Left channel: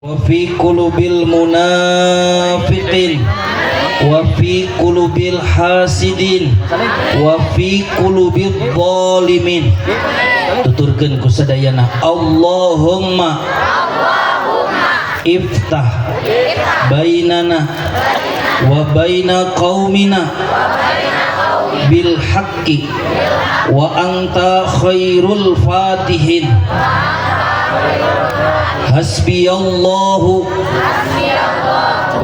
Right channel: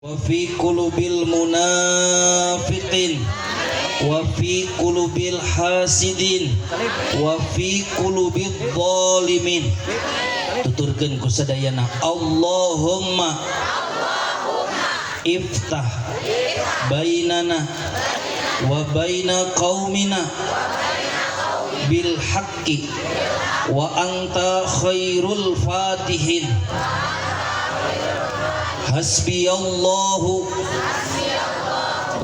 wa fi qulubil munafiqin wa fi qulubil hasidin wa fi qulubil zalimin. Tuturkeun ku sadayana Allahumma iftah bainana wa baina qaumina bil haqqi wa anta khairul fatihin. Hasbiyallahu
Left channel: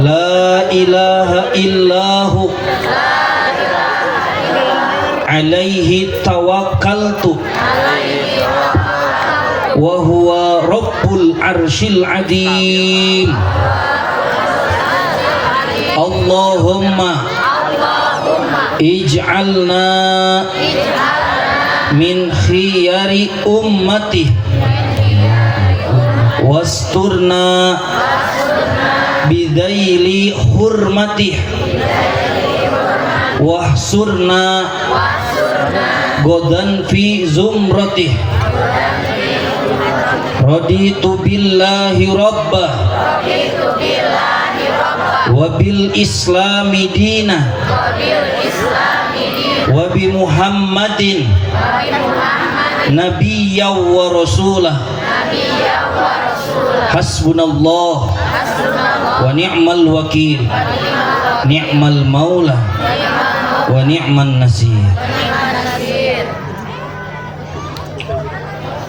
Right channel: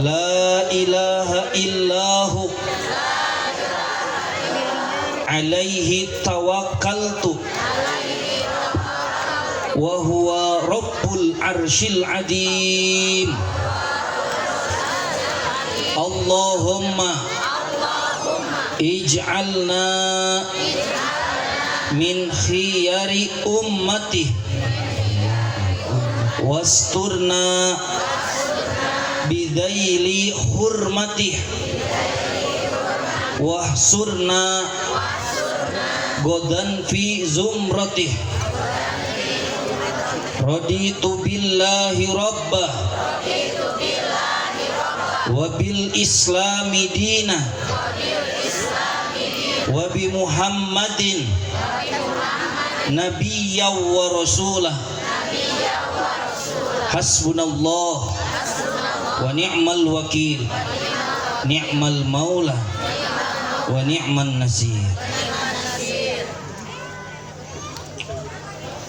la ilaha illahu alaihi tawakkaltu wa huwa rabbul arshil adim. Allahumma ij'alna min khiyari ummati wasturna bidaili hurmatih wahsurna godan fi zumratih. Raditu billahi rabbah wa bil islami dinah wa bi muhammadin nabiyya wa rasulah. Hasbunallah wa ni'mal wakil, ni'mal maula wa ni'man nasir.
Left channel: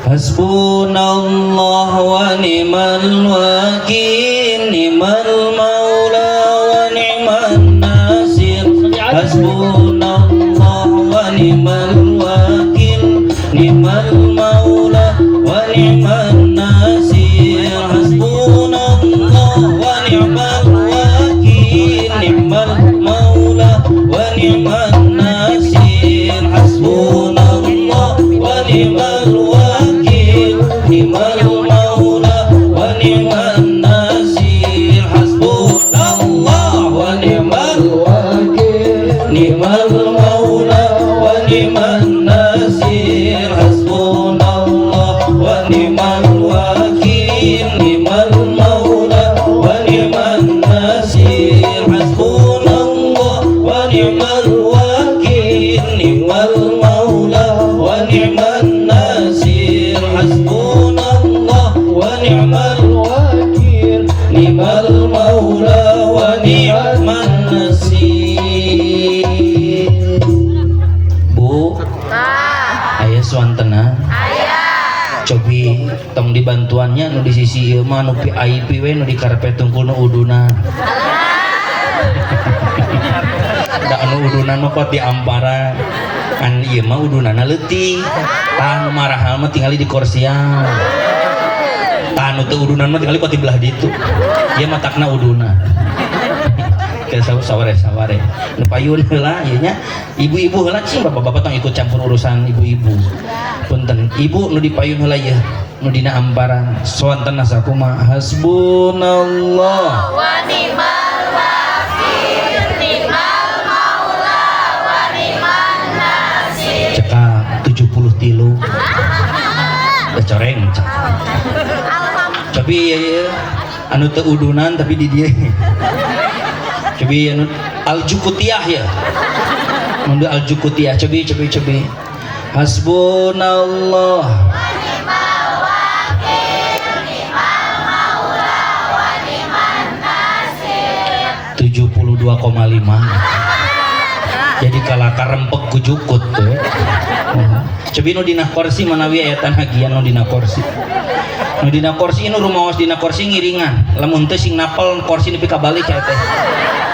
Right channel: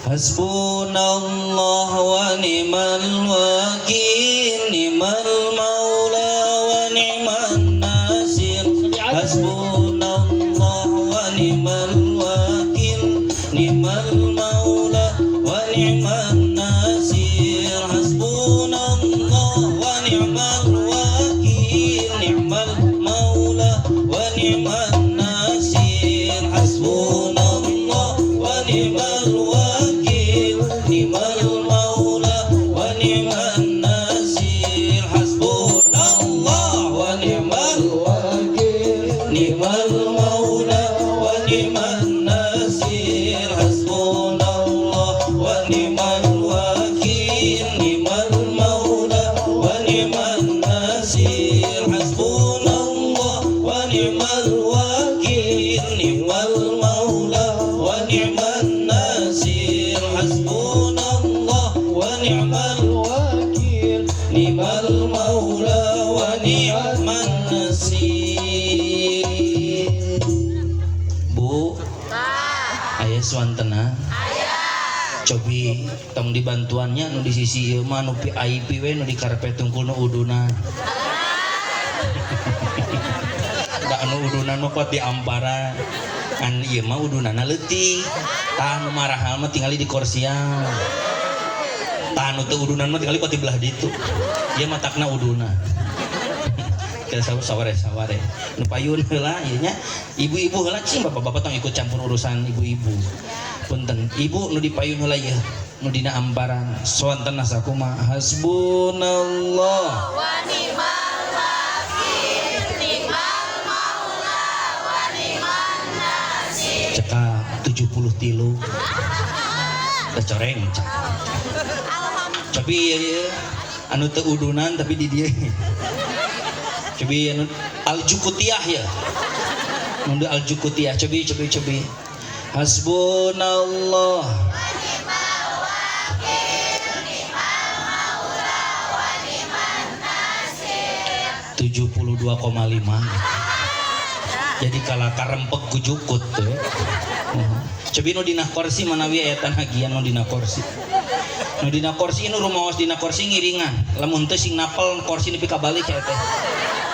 Hasbunallah wa ni'mal wakil, ni'mal maula wa ni'man nasir. Hasbunallah wa ni'mal wakil, ni'mal maula wa ni'man nasir. Cobi tong dibantuannya nu di sisi ieu mah nu VIP we nu di karpet tungkul nu uduna. Da anu uduna mah pot di ampara. Kan ieu mah udunana leutik. Tah nu marahal mah tingali di kursian. Tah nu teu udunan mah tingali pot di belah ditu. Ieu mah takna uduna. Ke saware nu payun heula ieu nya. Ibu-ibu heula cing bapak-bapak tong ikut campur urusan ibu-ibu. Punten ibu nu dipayun heula ieu nu dina amparan soantena sakumaha. Hasbunallah wa ni'mal wakil, ni'mal maula wa ni'man nasir. Cekak 73 coreng cek. Tapi anu teu udunan tapi di dieu cobi anu aljukutiah ya mundu aljukutiah cobi Hasbunallah Wa ni'mal wakil, ni'mal maula wa ni'man nasir. 72,5 jadi kalah karempek ku jukut tuh. Cobi nu dina kursi manawi ayatan hagian nu dina kursi. Nu dina kursi nu rumaos dina kursi ngiringan. Lamun teu sing napal kursi nepi ka balik ya teh.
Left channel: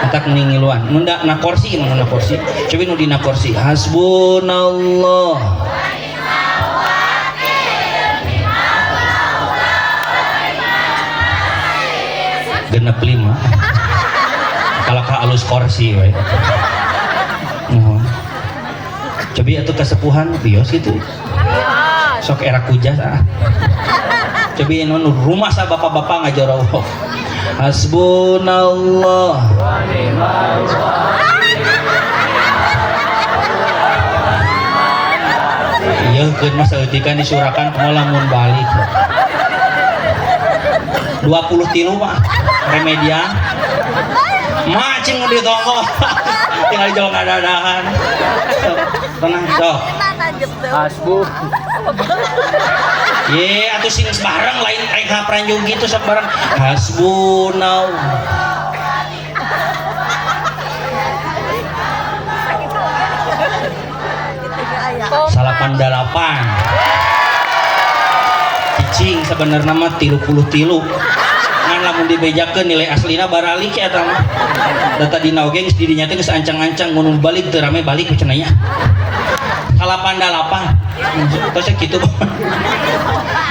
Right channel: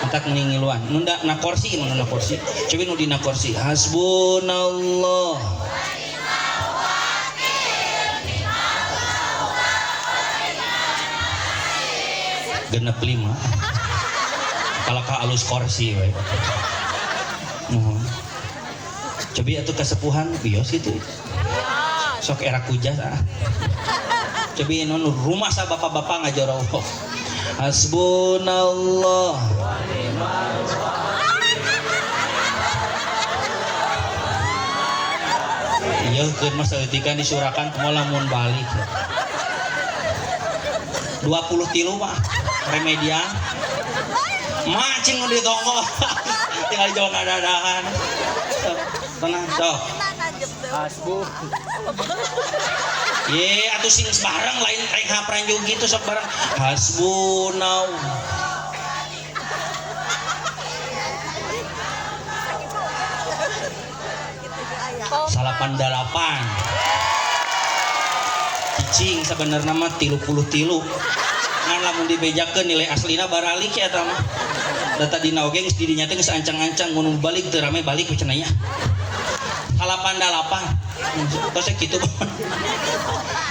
Entak ningiluan. Nu da na kursi gimana na kursi? Cobi nu dina kursi. Hasbunallah. Genep 5. Kalau ka alus kursi we. Mohon. Cobi atuh kesepuhan bios gitu. Sok era kujas ah. Cobi nu rumah sa bapak-bapak ngajarawoh. Hasbunallah wa ni'mal wakil. Iya, keun mas saeutik kan disurakan kumaha lamun balik. 23 Pak remedian macing di toko tinggal jauh dadakan tenang sok Hasbu. ye atuh sing bareng lain kayak kapranjung gitu sok bareng hasbunau salapan dalapan cicing sebenarnya mah 30 ngan lamun dibejakeun nilai aslina baralik ya eta mah data dina oge geus didinya teh geus ancang-ancang mun balik teu rame balik cenah nya salapan dalapan tos kitu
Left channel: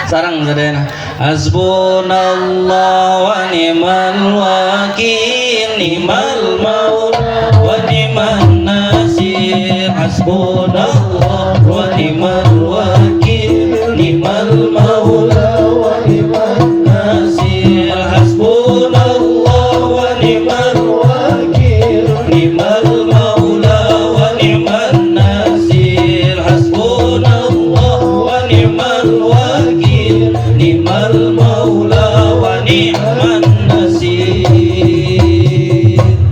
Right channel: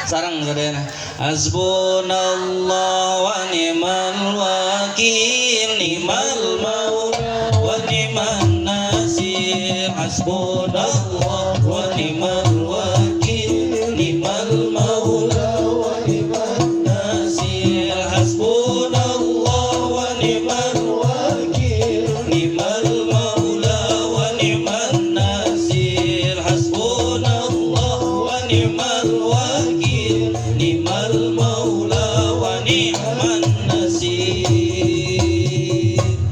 sareng sadayana hasbunallahu wa ni'mal wakil ni'mal maula wa ni'man nasir hasbunallahu wa ni'mal wakil ni'mal maula wa ni'man nasir hasbunallahu wa ni'mal wakil ni'mal maula wa ni'man nasir hasbunallahu wa ni'mal wakil ni'mal maula wa ni'man nasir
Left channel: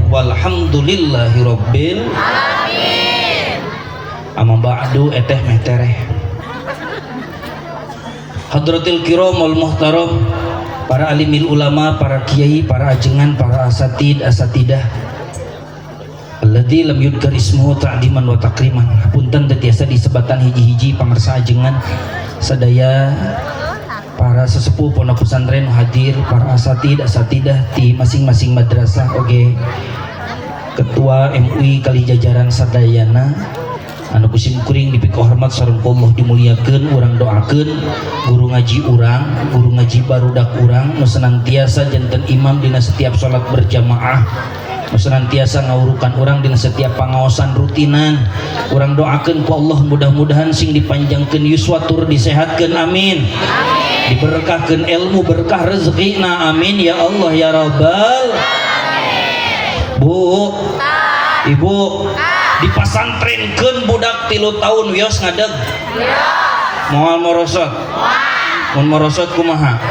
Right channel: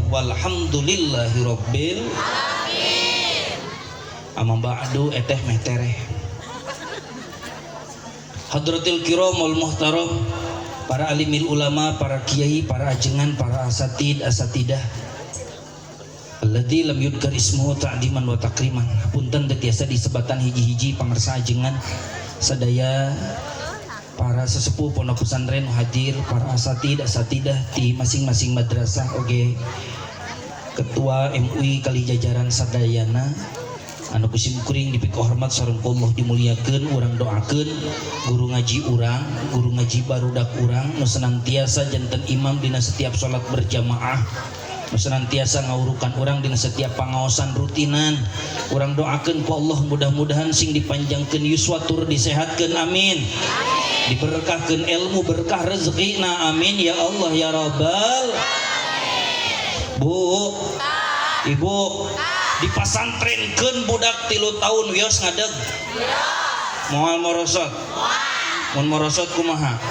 walhamdulillahi rabbil amma ba'du eteh metereh hadratil kiram wal muhtaram para alimil ulama, para kiai, para ajengan, para asatidah alladzi lam yudkar ismuhu ta'diman wa takriman punten teu tiasa disebatan hiji-hiji pamirsa ajengan sadaya para sesepuh pondok pesantren hadir para asatidah di masing-masing madrasah oge ketua MUI kali jajaran sadayana anu kusim kuring dipik hormat sareng Allah dimuliakeun urang doakeun guru ngaji urang guru ngaji barudak urang nu senantiasa janten imam dina setiap salat berjamaah nu senantiasa ngawurukan urang dina setiap pangaosan rutinan urang doakeun ku Allah mudah-mudahan sing dipanjangkeun yuswa tur disehatkeun amin diberkahkeun ilmu berkah rezekina amin ya Allah ya rabbal Bu Ibu dipasantrenkeun budak 3 tahun wios ngadeg moal morosot mun morosot kumaha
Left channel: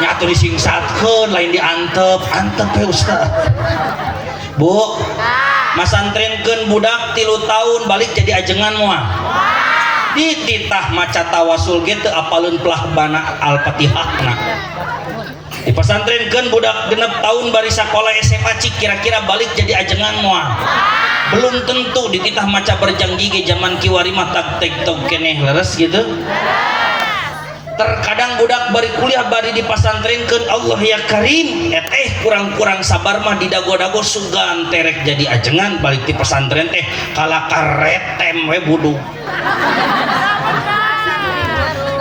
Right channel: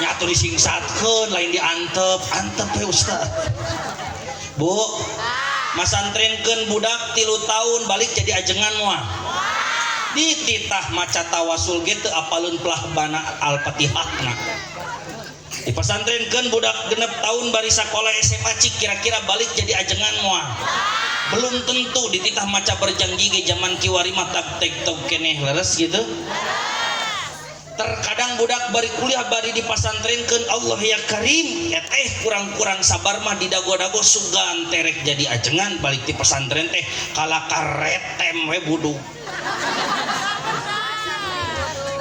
nya atuh disingsatkeun lain diantep ya Ustaz Bu masantrenkeun budak 3 tahun balik jadi ajengan moal dititah maca tawasul ge teu apaleun pelahbana al-Fatihahna dipasantrenkeun budak 6 tahun bari sakola SMA cik kira-kira balik jadi ajengan moal belum tentu dititah maca berjanji ke zaman kiwari mah tak tiktok keneh leres gitu terkadang budak bari kuliah bari di pasantrenkeun Allah ya Karim teh kurang-kurang sabar mah didago-dago sugan terek jadi ajengan balik di pesantren teh kala karetem we budug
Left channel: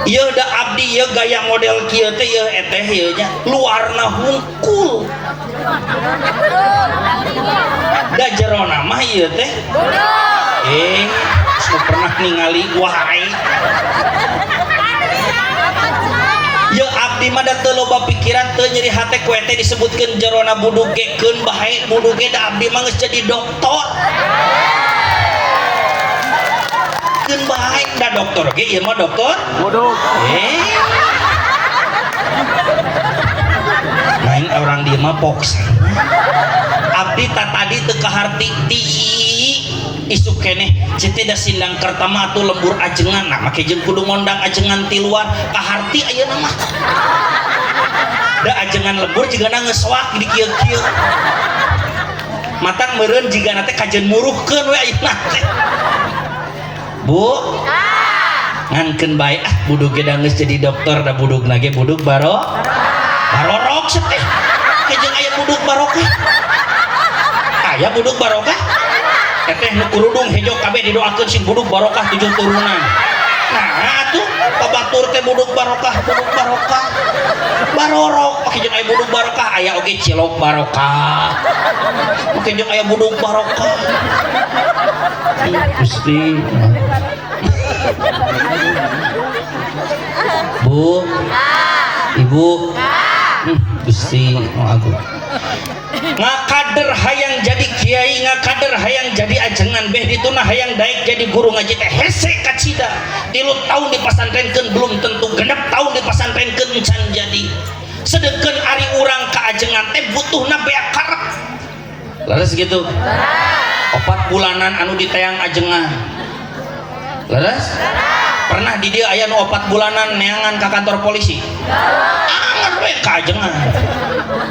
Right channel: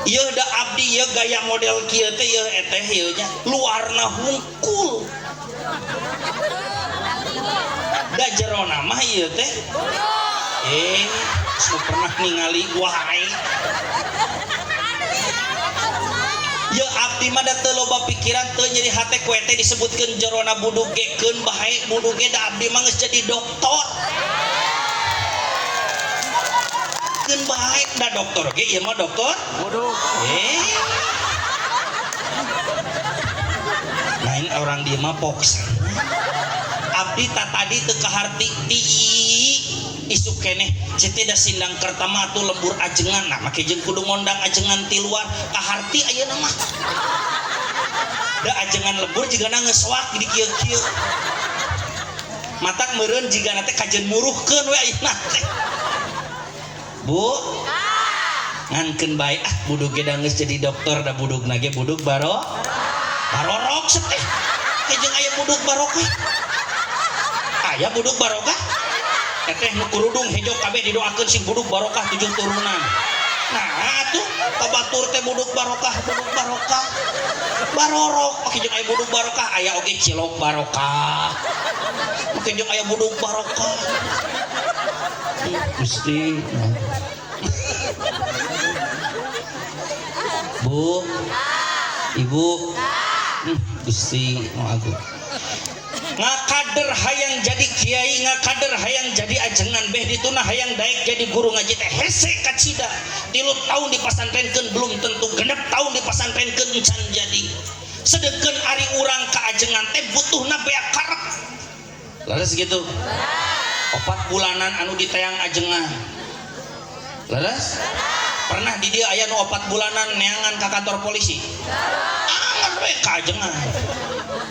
ieu da abdi ieu gaya model kieu teh ieu eteh ieu nya luarna hungkul da jerona mah ieu teh semua pernah ningali wae ieu abdi mah da teu loba pikiran teu nyeri hate ku teh disebutkeun jerona budug ge keun bae budug ge da abdi mah geus jadi doktor keun bae da doktor ge ieu mah doktor Bodoh. lain orang dia mah poksan abdi tadi teu kaharti ti isu keneh cete da sindang kertama atuh lembur ajengan nah make jeung kudu ngondang ajengan ti luar kaharti ayeuna mah da ajengan lembur jigana ngeswak di kieu-kieu matak meureun jigana teh kajen muruhkeun we ayeuna teh Bu ngankeun bae budug ge da geus jadi dokter da budug lagi budug barorok teh kejeng aya budug barokah aya budug barokah eteh nu kurudung hejo kabeh didoakeun sing budug barokah 7 turunan nah atuh kabatur teh budug barokah barorok kejeng aya budug barokah aya oge cilok barokah kejeng aya budug barokah Gusti Bu Ibu Gusti aku ngakader hayang jadi kiai ngakader hayang jadi ajengan beh dituna hayang daek jadi guru ngaji teh hese kacida 3 tahun dipasantrenkeun belum tentu 6 tahun dipasantrenkeun encan jadi sedeken ari urang kaajengan teh butuhna beak karep leres gitu 4 bulanan anu diteang ajengan leres pernah di dia aya nu 4 bulanan neangan ke kantor polisi angan we kaajengan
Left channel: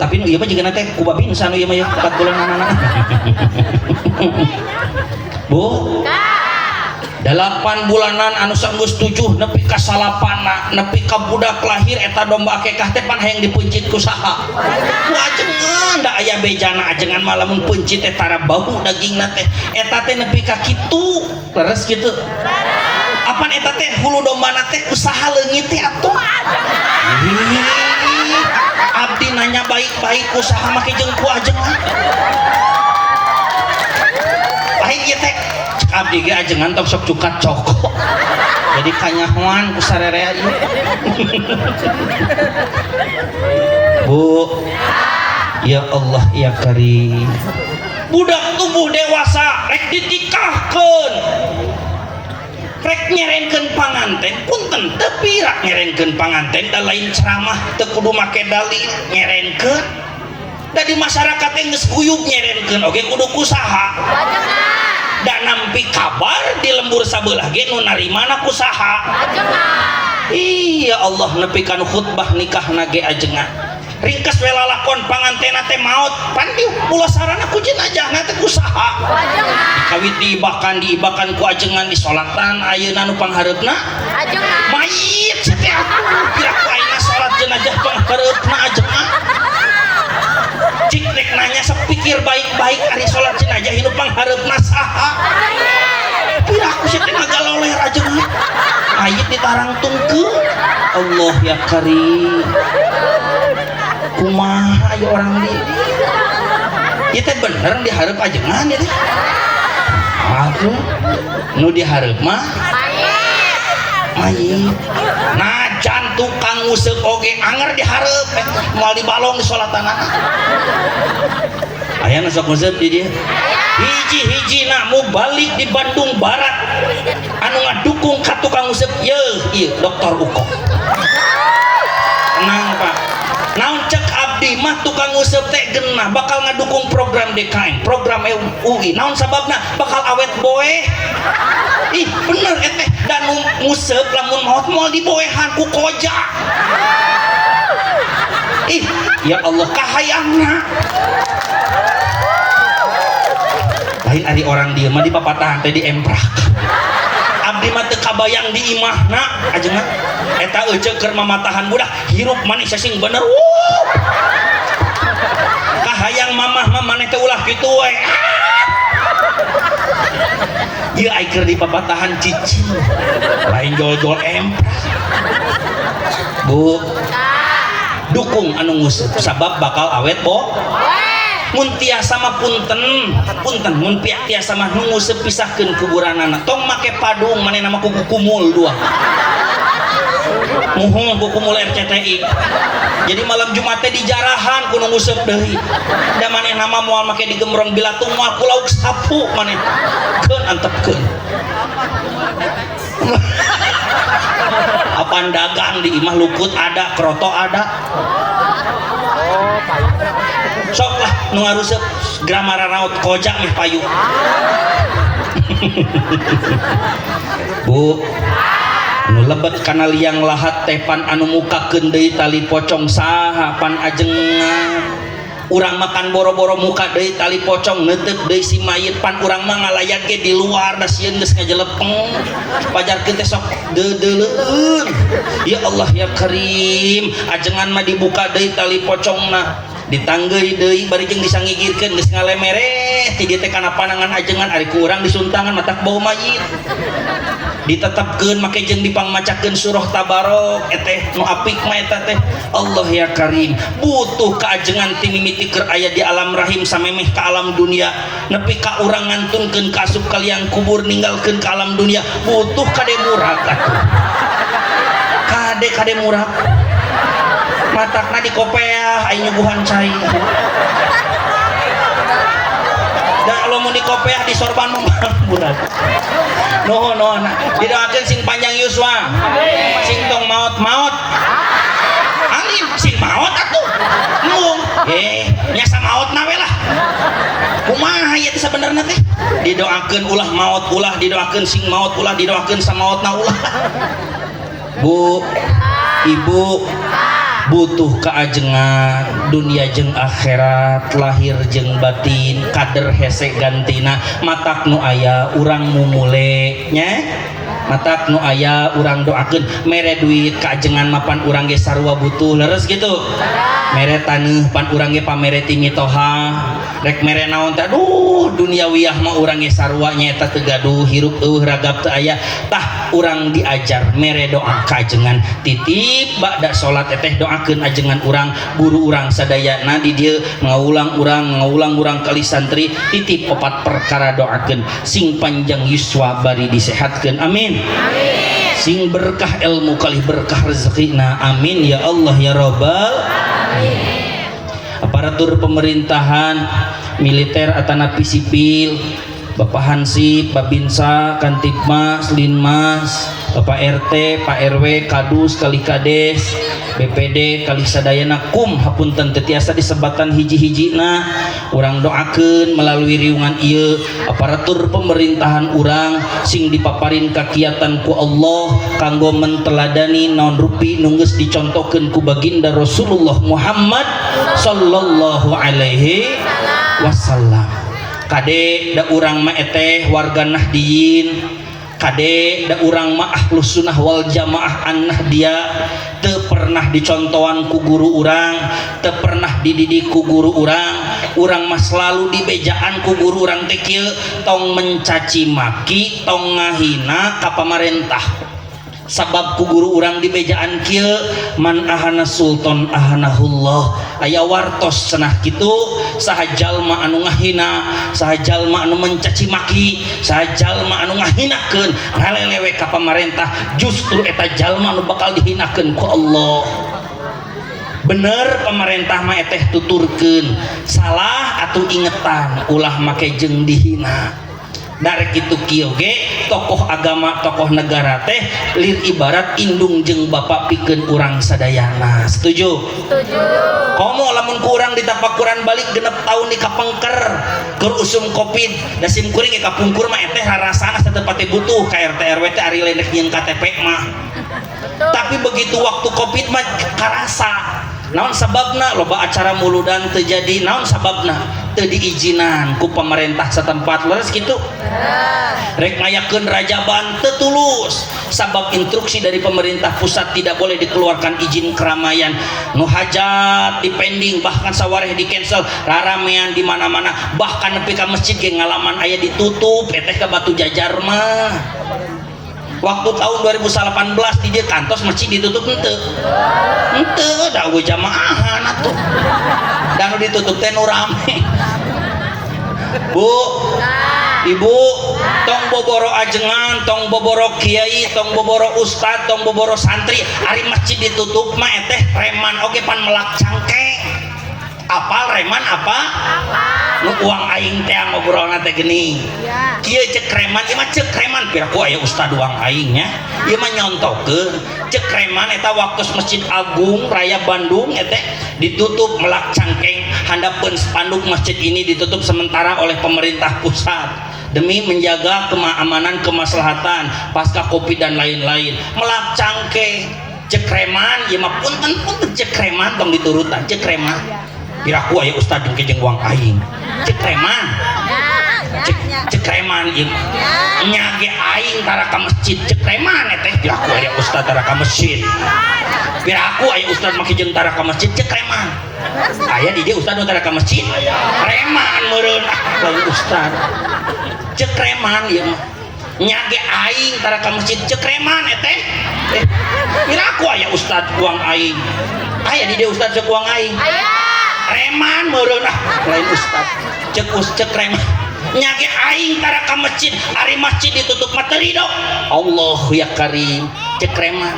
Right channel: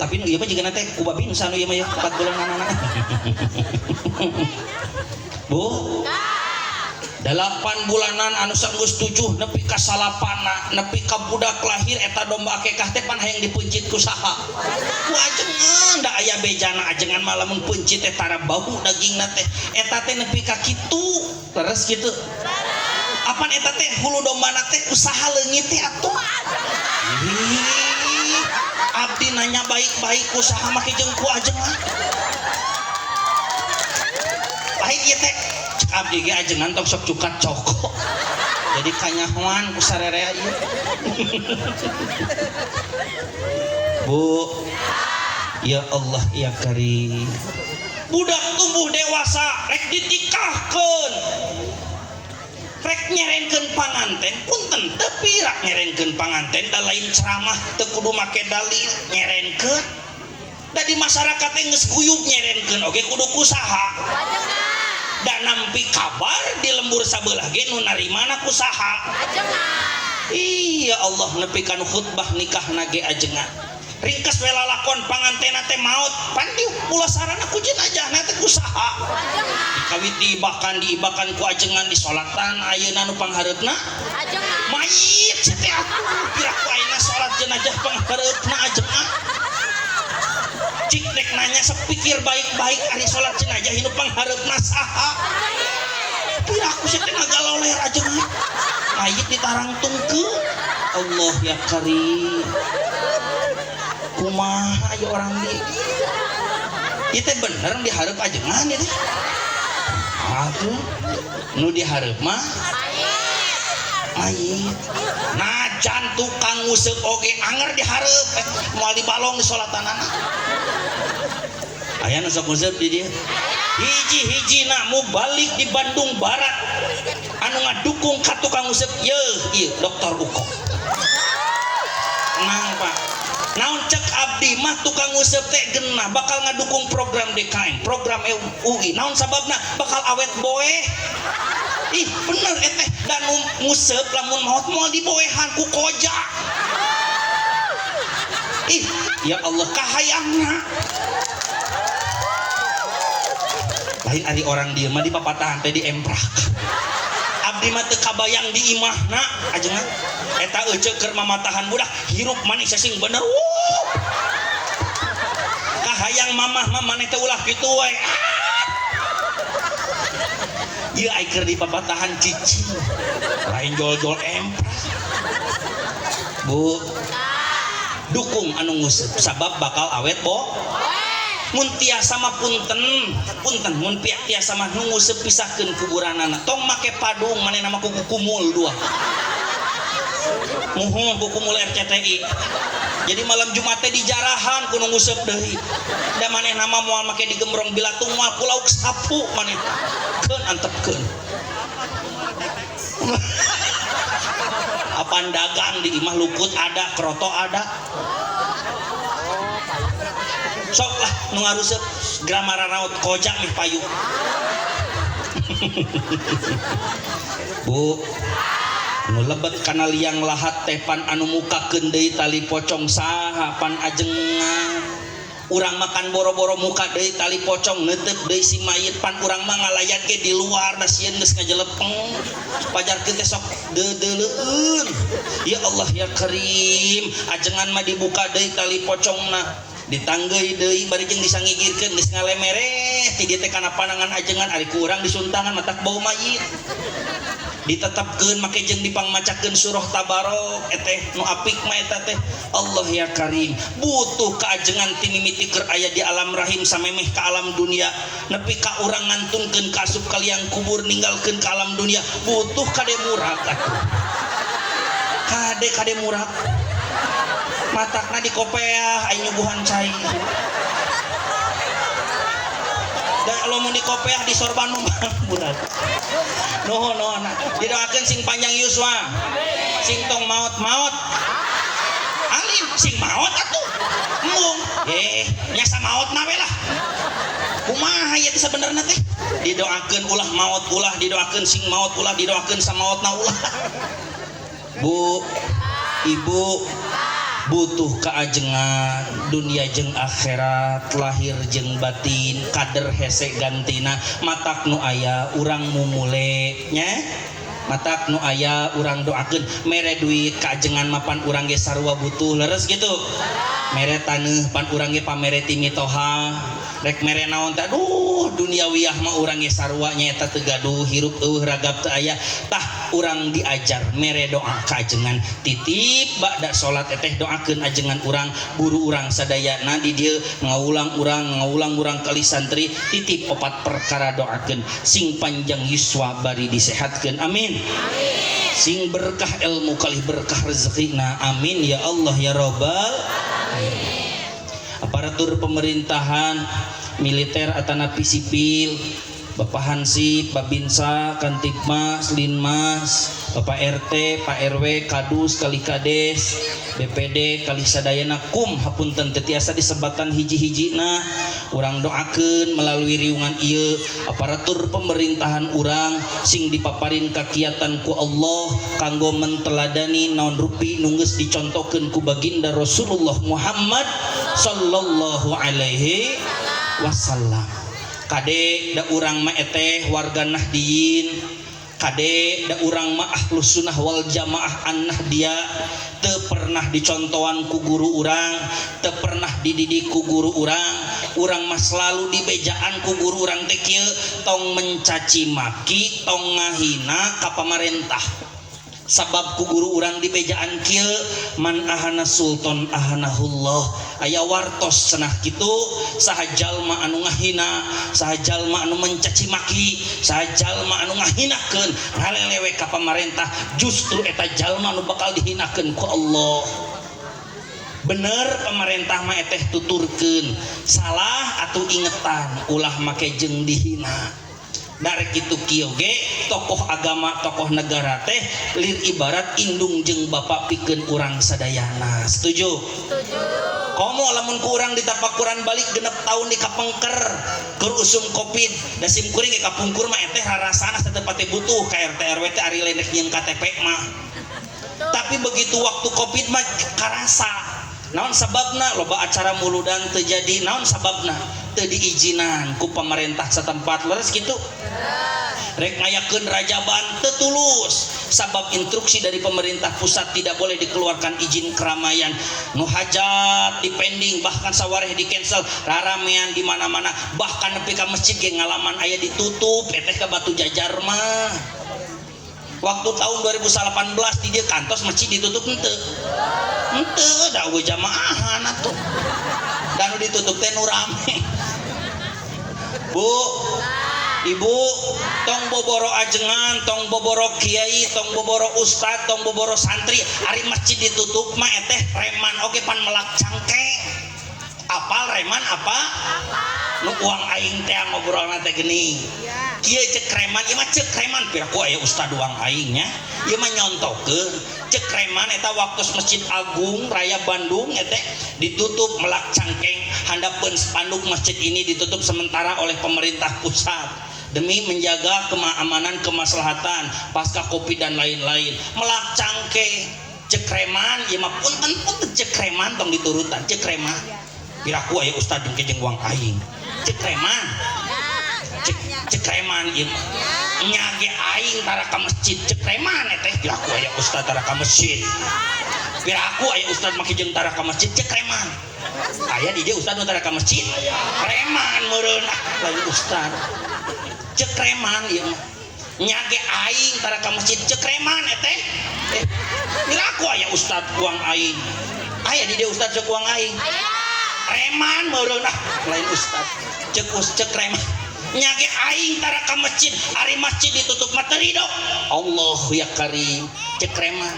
tapi nu ieu mah jiga teh ku babi nu sanu ieu mah 4 bulanan anak Bu 8 bulanan anu sanggeus 7 nepi ka salapana nepi ka budak lahir eta domba akekah teh pan hayang dipencit ku saha ku ajengan da aya bejana ajengan mah lamun pencit teh tara bau dagingna teh eta teh nepi ka kitu leres kitu apan eta teh hulu dombana teh usaha leungit teh atuh abdi nanya baik-baik usaha make jeung ku ajengan baik ieu teh abdi ge ajengan tong sok cukat coko jadi kanyahoan ku sarerea ieu Bu ya Allah ya Karim budak tumbuh dewasa rek ditikahkeun rek nyerenkeun panganten punten teu pira nyerenkeun panganten da lain ceramah teu kudu make dalil nyerenkeun da di masyarakat teh geus guyub nyerenkeun oge kudu kusaha dan nampi kabar di lembur sabelah ge nu narimana kusaha iya Allah nepi kana khutbah nikahna ge ajengan ringkes we lalakon pangantena teh maot pan di pulasarana ku jenazahna teh kusaha dikawit diibakan ku ajengan di salatan ayeuna nu panghareupna mayit teh kira ku ayeuna salat jenazah panghareupna ajengan cik rek nanya sepikir baik-baik ari salat jenazah nu panghareupna saha kira aku teh nagaloler ajengan mayit ditarangtungkeun Allah ya Karim kumaha aya orang di ieu teh bener dihareup ajengan ieu teh atuh nu dihareup mah mayit najan tukang nguseup oge anger dihareup moal dibalong di salatanana aya nu sok nguseup di dieu hiji-hijina mu balik di Bandung Barat anu ngadukung ka tukang nguseup ieu Dokter Uko tenang Pak naon cek abdi mah tukang nguseup teh genah bakal ngadukung program DKM program UI naon sababna bakal awet boe ih bener eteh dan nguseup lamun maot moal diboehan ku koja ih ya Allah kahayangna lain ari orang dieu mah di papatahan teh diemprak abdi mah teu kabayang di imahna ajengan eta euceuk keur mamatahan budak hirup manis sing bener kahayang mamah mah maneh teh ulah kitu we ieu ai keur di papatahan cicing lain jol-jol emprak Bu dukung anu nguseup sabab bakal awet mun tiasa mah punten mun pihak tiasa mah nu nguseup pisahkeun kuburanana tong make padung manehna mah kuku kumul dua muhung kuku kumul RCTI jadi malam Jumat teh dijarahan kudu nguseup deui da manehna mah moal make digembrong bilatung moal ku lauk sapu maneh keun antepkeun apaan dagang di imah luput ada kroto ada sok lah nu ngaruseup gramara raut koja meh payu Bu nu lebet kana liang lahat teh pan anu mukakeun deui tali pocong saha pan ajengan urang makan boro-boro muka deui tali pocong neuteuk deui si mayit pan urang mah ngalayat ge di luar da sieun geus ngajelepeng pajarkeun teh sok deudeuleun ya Allah ya Karim ajengan mah dibuka deui tali pocongna ditanggeui deui bari jeung disangigirkeun geus ngalemere ti dieu teh kana panangan ajengan ari ku urang disuntangan matak bau mayit ditetepkeun make jeung dipangmacakeun surah tabarok eteh nu apik mah eta teh Allah ya Karim butuh kaajengan ti mimiti keur aya di alam rahim samemeh ka alam dunia nepi ka urang ngantunkeun ka asup ka liang kubur ninggalkeun ka alam dunia butuh kade murah kade murah matakna di kopeah aya nyuguhan cai dan kalau mau di kopeah di sorban mah budak didoakeun sing panjang yuswa sing tong maot Ibrahim sing maot atuh mung nyasa maot nawe lah kumaha ieu sebenarnya teh didoakeun ulah maot ulah didoakeun sing maot ulah didoakeun samaotna ulah. Bu ibu butuh keajengan dunia jeung akhirat lahir jeung batin kader hese gantina matak nu aya urang mumule nya matak nu aya urang doakeun mere duit keajengan mapan urang ge sarua butuh leres gitu mere taneuh pan urang ge pamere ti mitoha rek mere naon teh aduh duniawiyah mah urang ge sarua nyaeta teu gaduh hirup eueuh ragap teu aya tah urang diajar mere doa kajengan titip bada salat teh doakeun ajengan urang guru urang sadayana di dieu ngaulang urang kali santri titip 4 perkara doakeun sing panjang yuswa bari disehatkeun amin. Sing berkah ilmu kali berkah rezekina amin ya Allah ya Rabbal aparatur pemerintahan militer atanapi sipil Bapak Hansip, Babinsa, Kantipmas, Linmas, Bapak RT, Pak RW, Kadus, Kali Kades, BPD, Kali Sadayana, kum hapunten teu tiasa disebatan hiji-hijina urang doakeun melalui riungan ieu aparatur pemerintahan urang sing dipaparin kakiatan ku Allah kanggo menteladani naon rupi nu geus dicontohkeun ku baginda Rasulullah Muhammad sallallahu alaihi wasallam. Kade da urang mah eteh warga Nahdiyin kade da urang mah ahlus sunnah wal jamaah an Nahdiyah teu pernah dicontohan ku guru urang teu pernah dididik ku guru urang mah selalu dibejaan ku guru urang teh kieu tong mencaci maki tong ngahina ka pamarentah sabab ku guru urang dibejaan kieu man ahana sultan ahanahullah aya wartos cenah kitu saha jalma anu ngahina saha jalma anu mencaci maki saha jalma anu ngahinakeun ngalelewe ka pamarentah justru eta jalma anu bakal dihinakeun ku Allah. Bener pemerintah mah eteh tuturkeun salah atuh ingetan ulah make jeung dihina dari kitu kieu ge tokoh agama tokoh negara teh lir ibarat indung jeung bapak pikeun urang sadayana. Setuju? Setuju. Komo lamun ku urang ditapakuran balik genep taun di kapengker keur usum covid da sim kuring ge kapungkur mah eteh rarasana satepati butuh ka RT RW teh ari lenek jeung KTP mah. Tapi begitu waktu covid mah karasa. Naon sababna loba acara muludan teu jadi naon sababna teu diizinan ku pemerintah setempat leres kitu rek ngayakeun rajaban teu tulus sabab instruksi dari pemerintah pusat tidak boleh dikeluarkan izin keramaian nu hajat dipending bahkan sawareh di cancel raramean di mana-mana bahkan nepi ka masjid ge ngalaman aya ditutup eteh ka Batu Jajar mah. Waktu tahun 2018 di dia kantos masjid ditutup henteu da we jamaahan atuh dan ditutup teh nu rame. Bu ibu tong boboro ajengan tong boboro kiai tong boboro ustad tong boboro santri ari masjid ditutup mah eteh reman oge pan melak cangkeng apal reman apa nu uang aing teh ngobrolna teh geuning kieu cek reman ieu mah cek reman piraku aya ustad uang aing nya ieu mah nyontokeun cek reman eta waktu Masjid Agung Raya Bandung eteh ditutup melak cangkeng handapeun spanduk masjid ini ditutup sementara oleh pemerintah pusat demi menjaga keamanan kemaslahatan pasca Covid dan lain-lain. Melak cangkeng cek reman ieu mah punten cek reman tong diturutan cek reman piraku aya ustad jeung uang aing cek reman cek reman ieu nyage aing tara ka masjid cek reman teh piraku aya ustad tara ka masjid piraku aya ustad make jeung tara ka masjid cek reman aya di dieu ustad tara ka masjid reman meureun lain ustad cek reman ieu nyage aing tara ka masjid cek reman teh piraku aya ustad uang aing aya di dieu ustad cek uang aing reman meureun lain ustad cek reman nyage aing tara ka masjid ari masjid ditutup mah teu ridho Allahu ya karim cek reman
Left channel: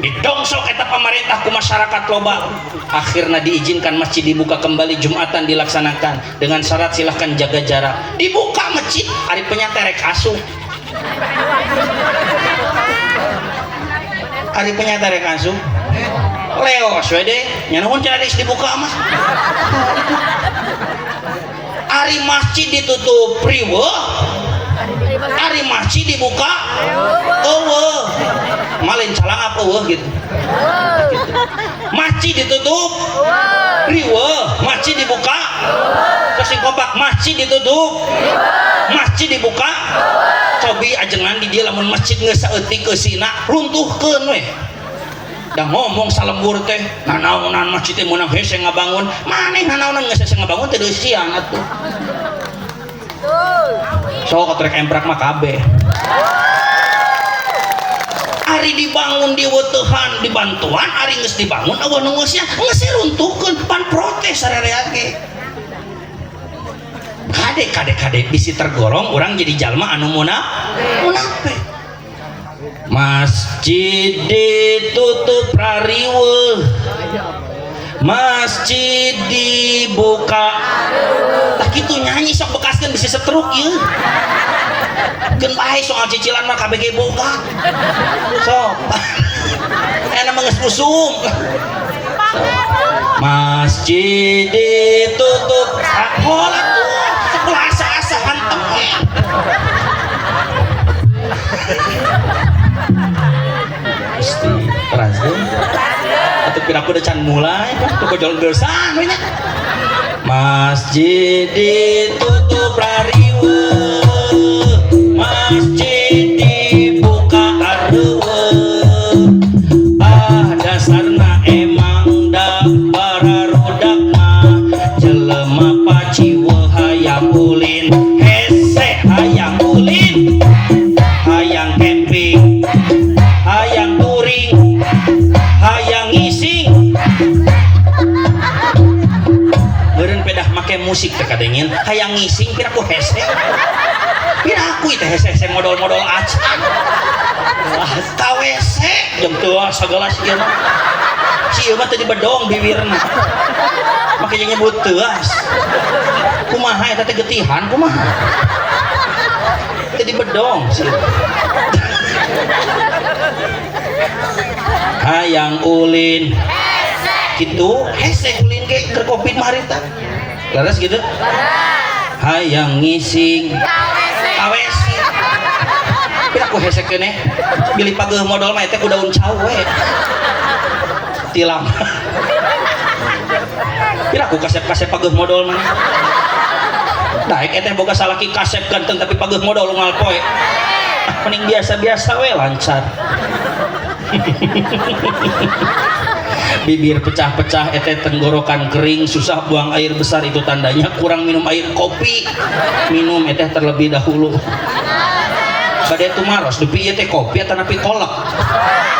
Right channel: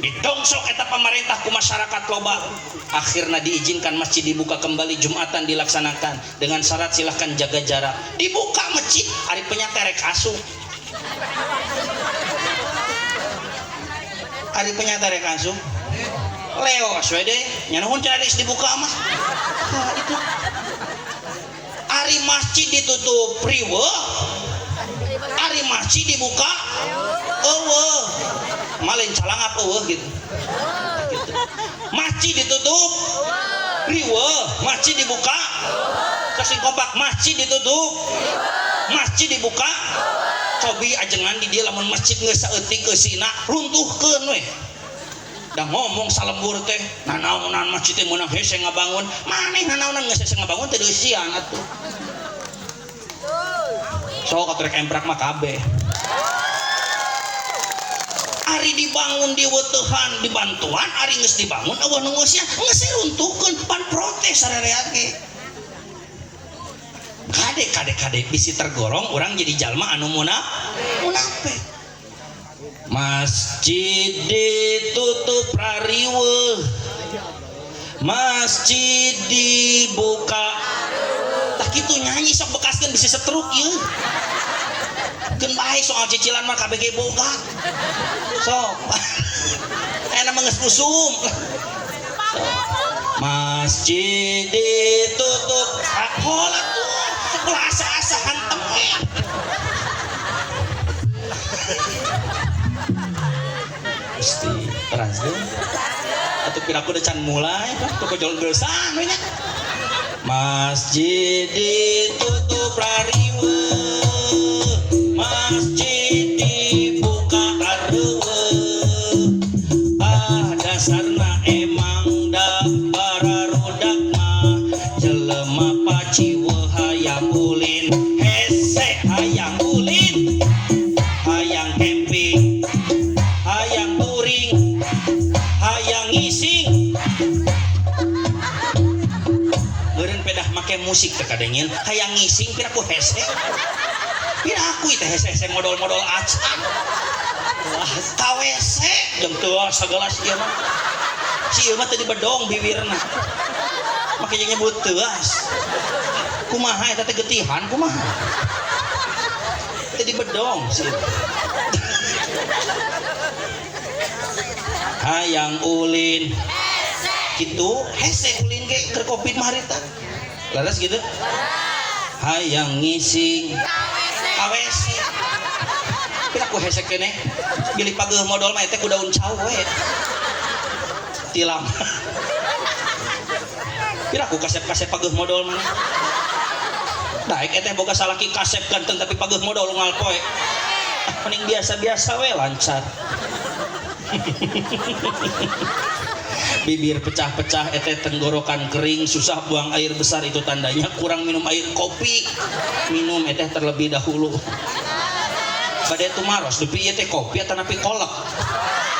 didongsok eta pemerintah ku masyarakat loba akhirna diizinkan masjid dibuka kembali Jumatan dilaksanakan dengan syarat silahkan jaga jarak dibuka masjid ari penyaterek asuh ari penyaterek asuh leos we deh nya naon cenah geus dibuka mah ari masjid ditutup riweuh ari masjid dibuka eueuh malin calang apa eueuh gitu masjid ditutup riweuh masjid dibuka kasih kompak masjid ditutup masjid dibuka cobi ajengan di dia lamun masjid geus saeutik keusina runtuhkeun we dah ngomong salembur teh nanaonan masjid teh meunang hese ngabangun maneh nanaonan geus hese ngabangun teh deui siang atuh sok trek emprak mah kabeh ari dibangun di weutehan di bantuan ari geus dibangun eueuh nu geus geus runtuhkeun pan protes sarerea ge kade bisi tergorong orang jadi jalma anu munafik masjid ditutup rariweuh masjid dibuka tak kitu nyanyi sok bekaskeun bisi setruk ieu geun bae soal cicilan mah kabeh ge boga sok enak mah geus usum masjid ditutup sakola tuh asa hantem pasti terazim atau piraku udah can mulai tuh kojol geursan we nya masjid ditutup rariweuh masjid dibuka areueuh dasarna emang da bararudak mah jelema paciweuh hayang ulin hese hayang ulin hayang camping hayang touring hayang ngising meureun pedah make musik teh kadengeun hayang ngising piraku hese piraku teh hese modal-modal acan KWC jeung teu sagala si ieu mah si ieu mah teu dibedong bibirna make nyebut teuas kumaha eta teh getihan kumaha teu dibedong si hayang ulin kitu hese ulin ge keur covid mah harita laras gitu hayang ngising KWC piraku hese keneh bilih pageuh modal mah eta ku daun cau we tilam piraku kasep-kasep pageuh modal mah daek eta boga salaki kasep ganteng tapi pageuh modal unggal poe mending biasa-biasa we lancar bibir pecah-pecah eta tenggorokan kering susah buang air besar itu tandanya kurang minum air kopi minum eta terlebih dahulu bade tumaros dupi ieu teh kopi atawa napi kolak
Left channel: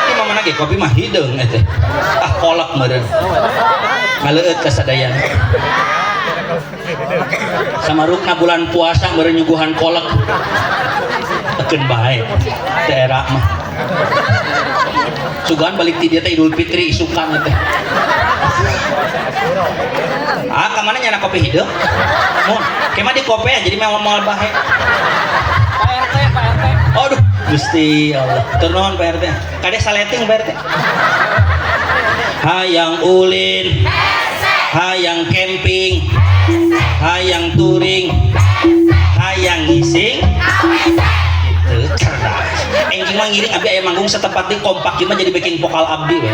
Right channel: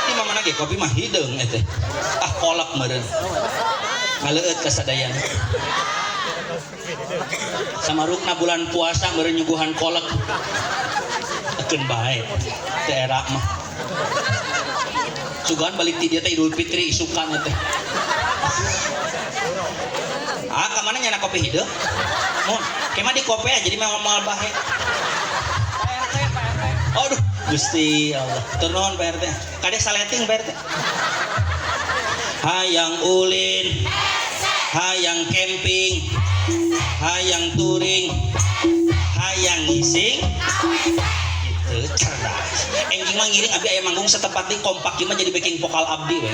ieu mah mana ge kopi mah hideung eta kolak meureun ngaleueut ka sadayan samarukna bulan puasa meureun nyuguhan kolak tekeun bae daerah mah sugan balik ti dia teh Idul Fitri isukan teh ka mana nyana kopi hideung mun kemah di kopi jadi moal bae aduh Gusti Allah turun Pak RT kadek saleting Pak RT hayang ulin hayang camping hayang touring hayang ngising gitu cerdas engging mah ngiring abdi aya manggung setepat di kompak ieu mah jadi backing vokal abdi we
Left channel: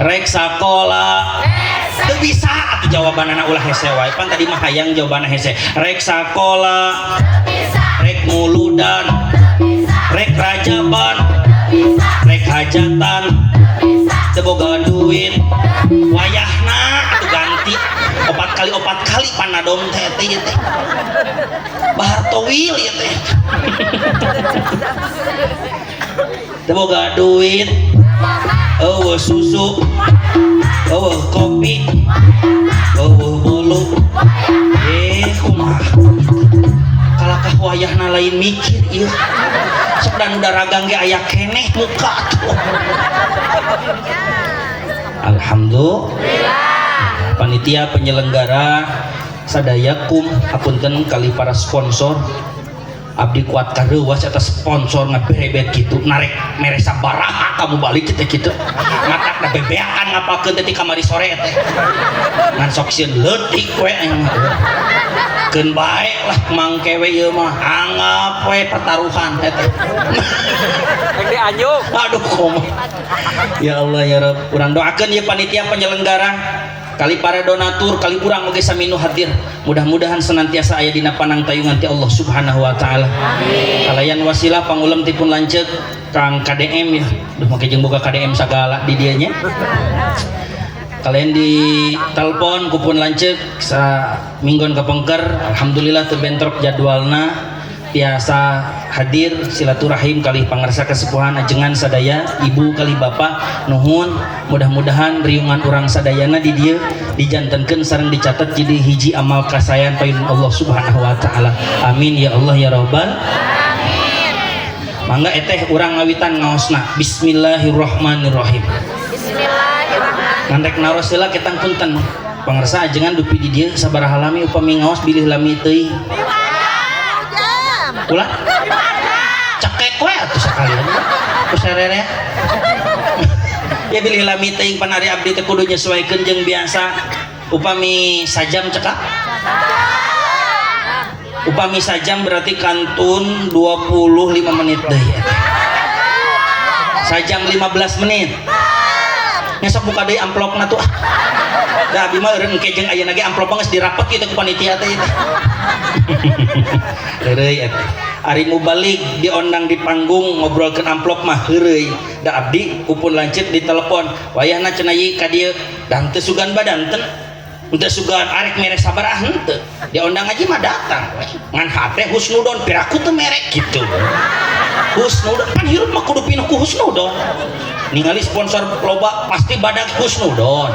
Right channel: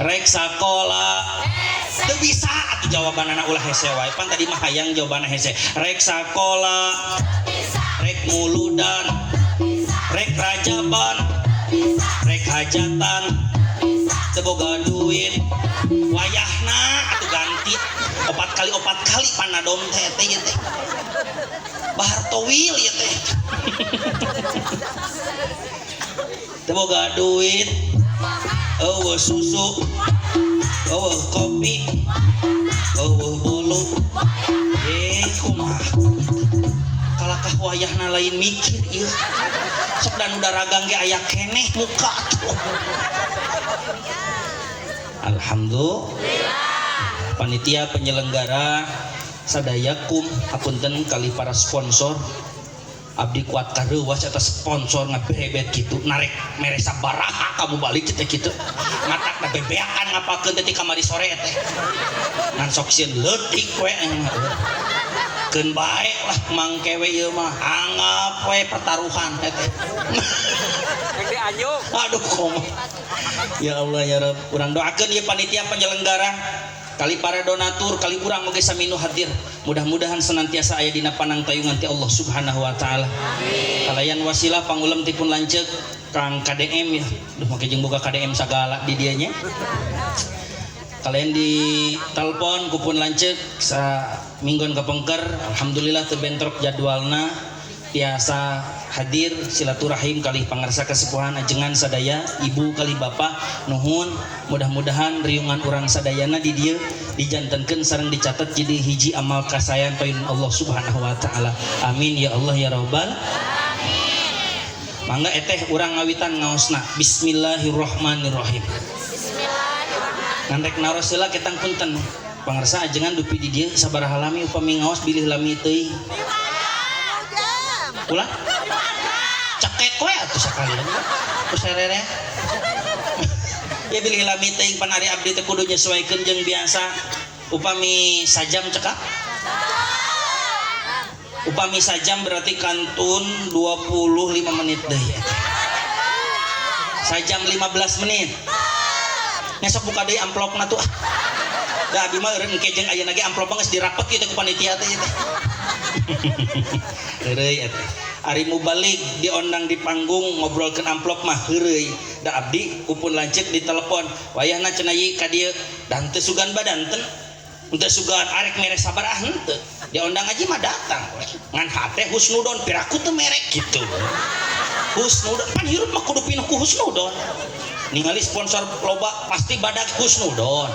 rek sakola teu bisa atuh jawabanana ulah hese wae pan tadi mah hayang jawabanna hese rek sakola rek muludan rek rajaban rek hajatan teu boga duit wayahna atuh ganti 4 kali panadom teh teh bahar towil ieu teh teu boga duit eueuh susu eueuh kopi eueuh bolu kumaha kalakah wayahna lain mikir ieu sok dan daragang ge aya keneh muka tuh alhamdulillah panitia penyelenggara sadayakum hapunten kali para sponsor abdi kuat kareuwas eta sponsor ngaberebet gitu narek mere sabaraha kamu balik teh kitu matak bebeakan ngapakeun teh ti kamari sore teh ngan sok sieun leutik we keun bae lah mangkewe ieu mah anggap we pertaruhan eta Di anjuk. aduh komo ya Allah ya Rabb urang doakeun ieu panitia penyelenggara kali para donatur kali urang oge sami nu hadir mudah-mudahan senantiasa aya dina panangtayungan ti Allah Subhanahu wa taala. Kalayan wasilah pangulem tipun lanceuk Kang KDM ya. Duh make jeung boga KDM sagala di dieu nya. Kalian di telepon kupun lanceuk sa minggon kapengker alhamdulillah teu bentrok jadwalna tiasa hadir silaturahim kali pangarsa kesepuhan ajengan sadaya ibu kali bapak nuhun mudah-mudahan riungan urang sadayana di dieu dijantenkeun sareng dicatat jadi hiji amal kasayan payun Allah Subhanahu wa taala amin ya Allah ya rabbal amin mangga eteh urang ngawitan ngaosna bismillahirrahmanirrahim Bismillahirrahmanirrahim. ngandrek naros heula ketang punten pangarsa ajengan dupi di dieu sabaraha lami upami ngaos bilih lami teuing ulah cekek we atuh sakalian ku sarere ya bilih lami teuing panari abdi teh kudu nyesuaikeun jeung biasa upami sajam cekak upami sajam berarti kantun 25 menit deui sajam 15 menit ngesok buka deui amplopna tuh da abdi mah eureun engke jeung ayeuna ge amplop geus dirapet kitu ku panitia teh heureuy eta ari mubalik diondang di panggung ngobrolkeun amplop mah heureuy da abdi kupun lanceuk di telepon wayahna cenah ieu ka dieu dan teu sugan badanten teu sugan arek mere sabaraha henteu diondang aja mah datang we ngan hate husnudon piraku teu merek kitu husnudon kan hirup mah kudu pinuh ku husnudon ningali sponsor loba pasti badak husnudon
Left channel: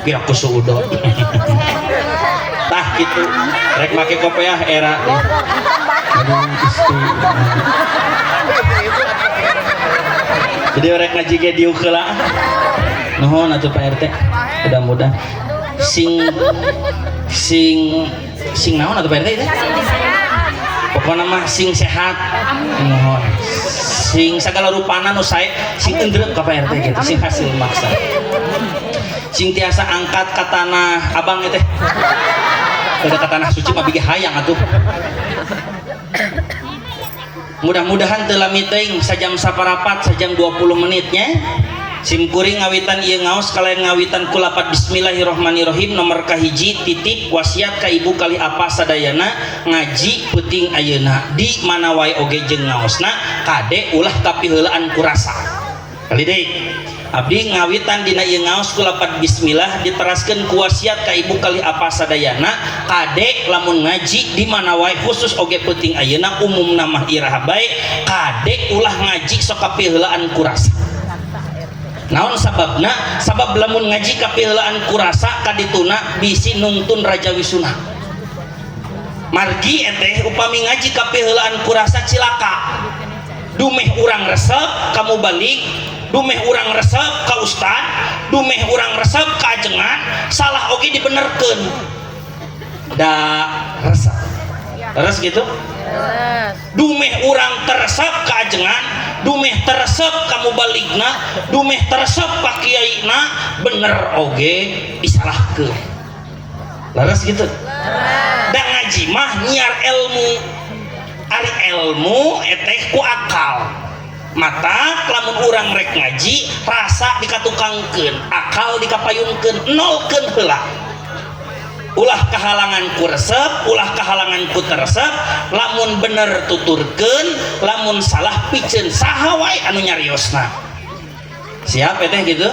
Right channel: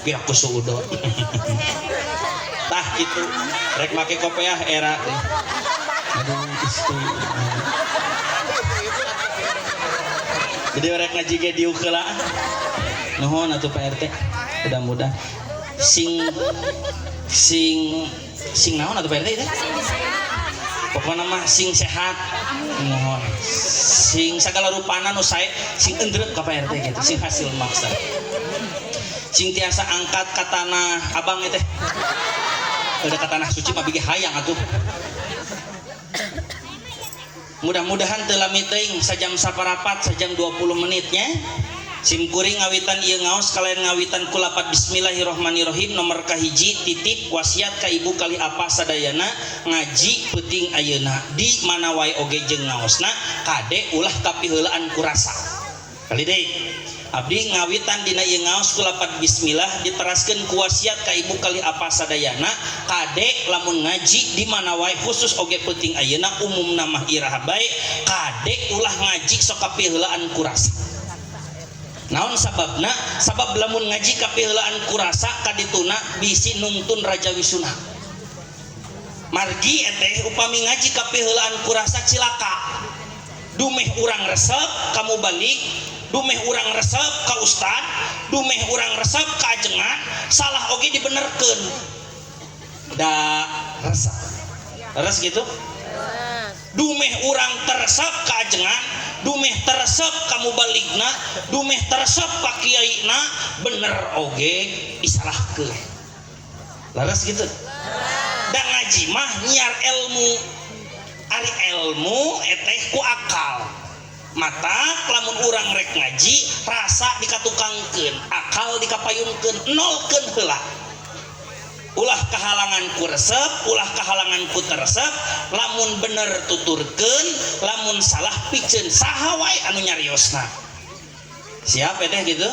piraku suudon tah kitu rek make kopiah era aduh Gusti jadi rek ngaji ge dieu heula nuhun atuh Pak RT mudah-mudahan sing naon atuh Pak RT teh pokona mah sing sehat nuhun sing sagala rupana nu sae sing endrep ka Pak RT gitu sing hasil maksa sing tiasa angkat ka tanah abang teh kada ka tanah suci mah bigi hayang atuh mudah-mudahan teu lami teuing sajam saparapat sajam 20 menitnya sim kuring ngawitan ieu ngaos kalayan ngawitan ku lapat bismillahirrahmanirrahim nomor kahiji titip wasiat ka ibu kali apa sadayana ngaji peuting ayeuna di mana wae oge jeung ngaosna kade ulah tapi heulaan ku rasa kali deui abdi ngawitan dina ieu ngaos ku lapat bismillah diteraskeun ku wasiat ka ibu kali apa sadayana kade lamun ngaji di mana wae khusus oge peuting ayeuna umumna mah iraha bae kade ulah ngaji sok kapiheulaan ku rasa naon sababna sabab lamun ngaji kapiheulaan ku rasa kadituna bisi nungtun raja wisuna margi eteh upami ngaji kapiheulaan ku rasa cilaka dumeh urang resep kamu balik dumeh urang resep ka ustad dumeh urang resep ka ajengan salah oge dibenerkeun da resep terus gitu dumeh urang teresep ka ajengan dumeh teresep kamu baligna dumeh teresep ka kiaina bener oge disalahkeun laras gitu da ngaji mah nyiar ilmu ari ilmu eteh ku akal mata lamun urang rek ngaji rasa dikatukangkeun akal dikapayunkeun nolkeun heula ulah kahalangan ku resep ulah kahalangan ku teresep lamun bener tuturkeun lamun salah pikeun saha wae anu nyariosna siap eteh gitu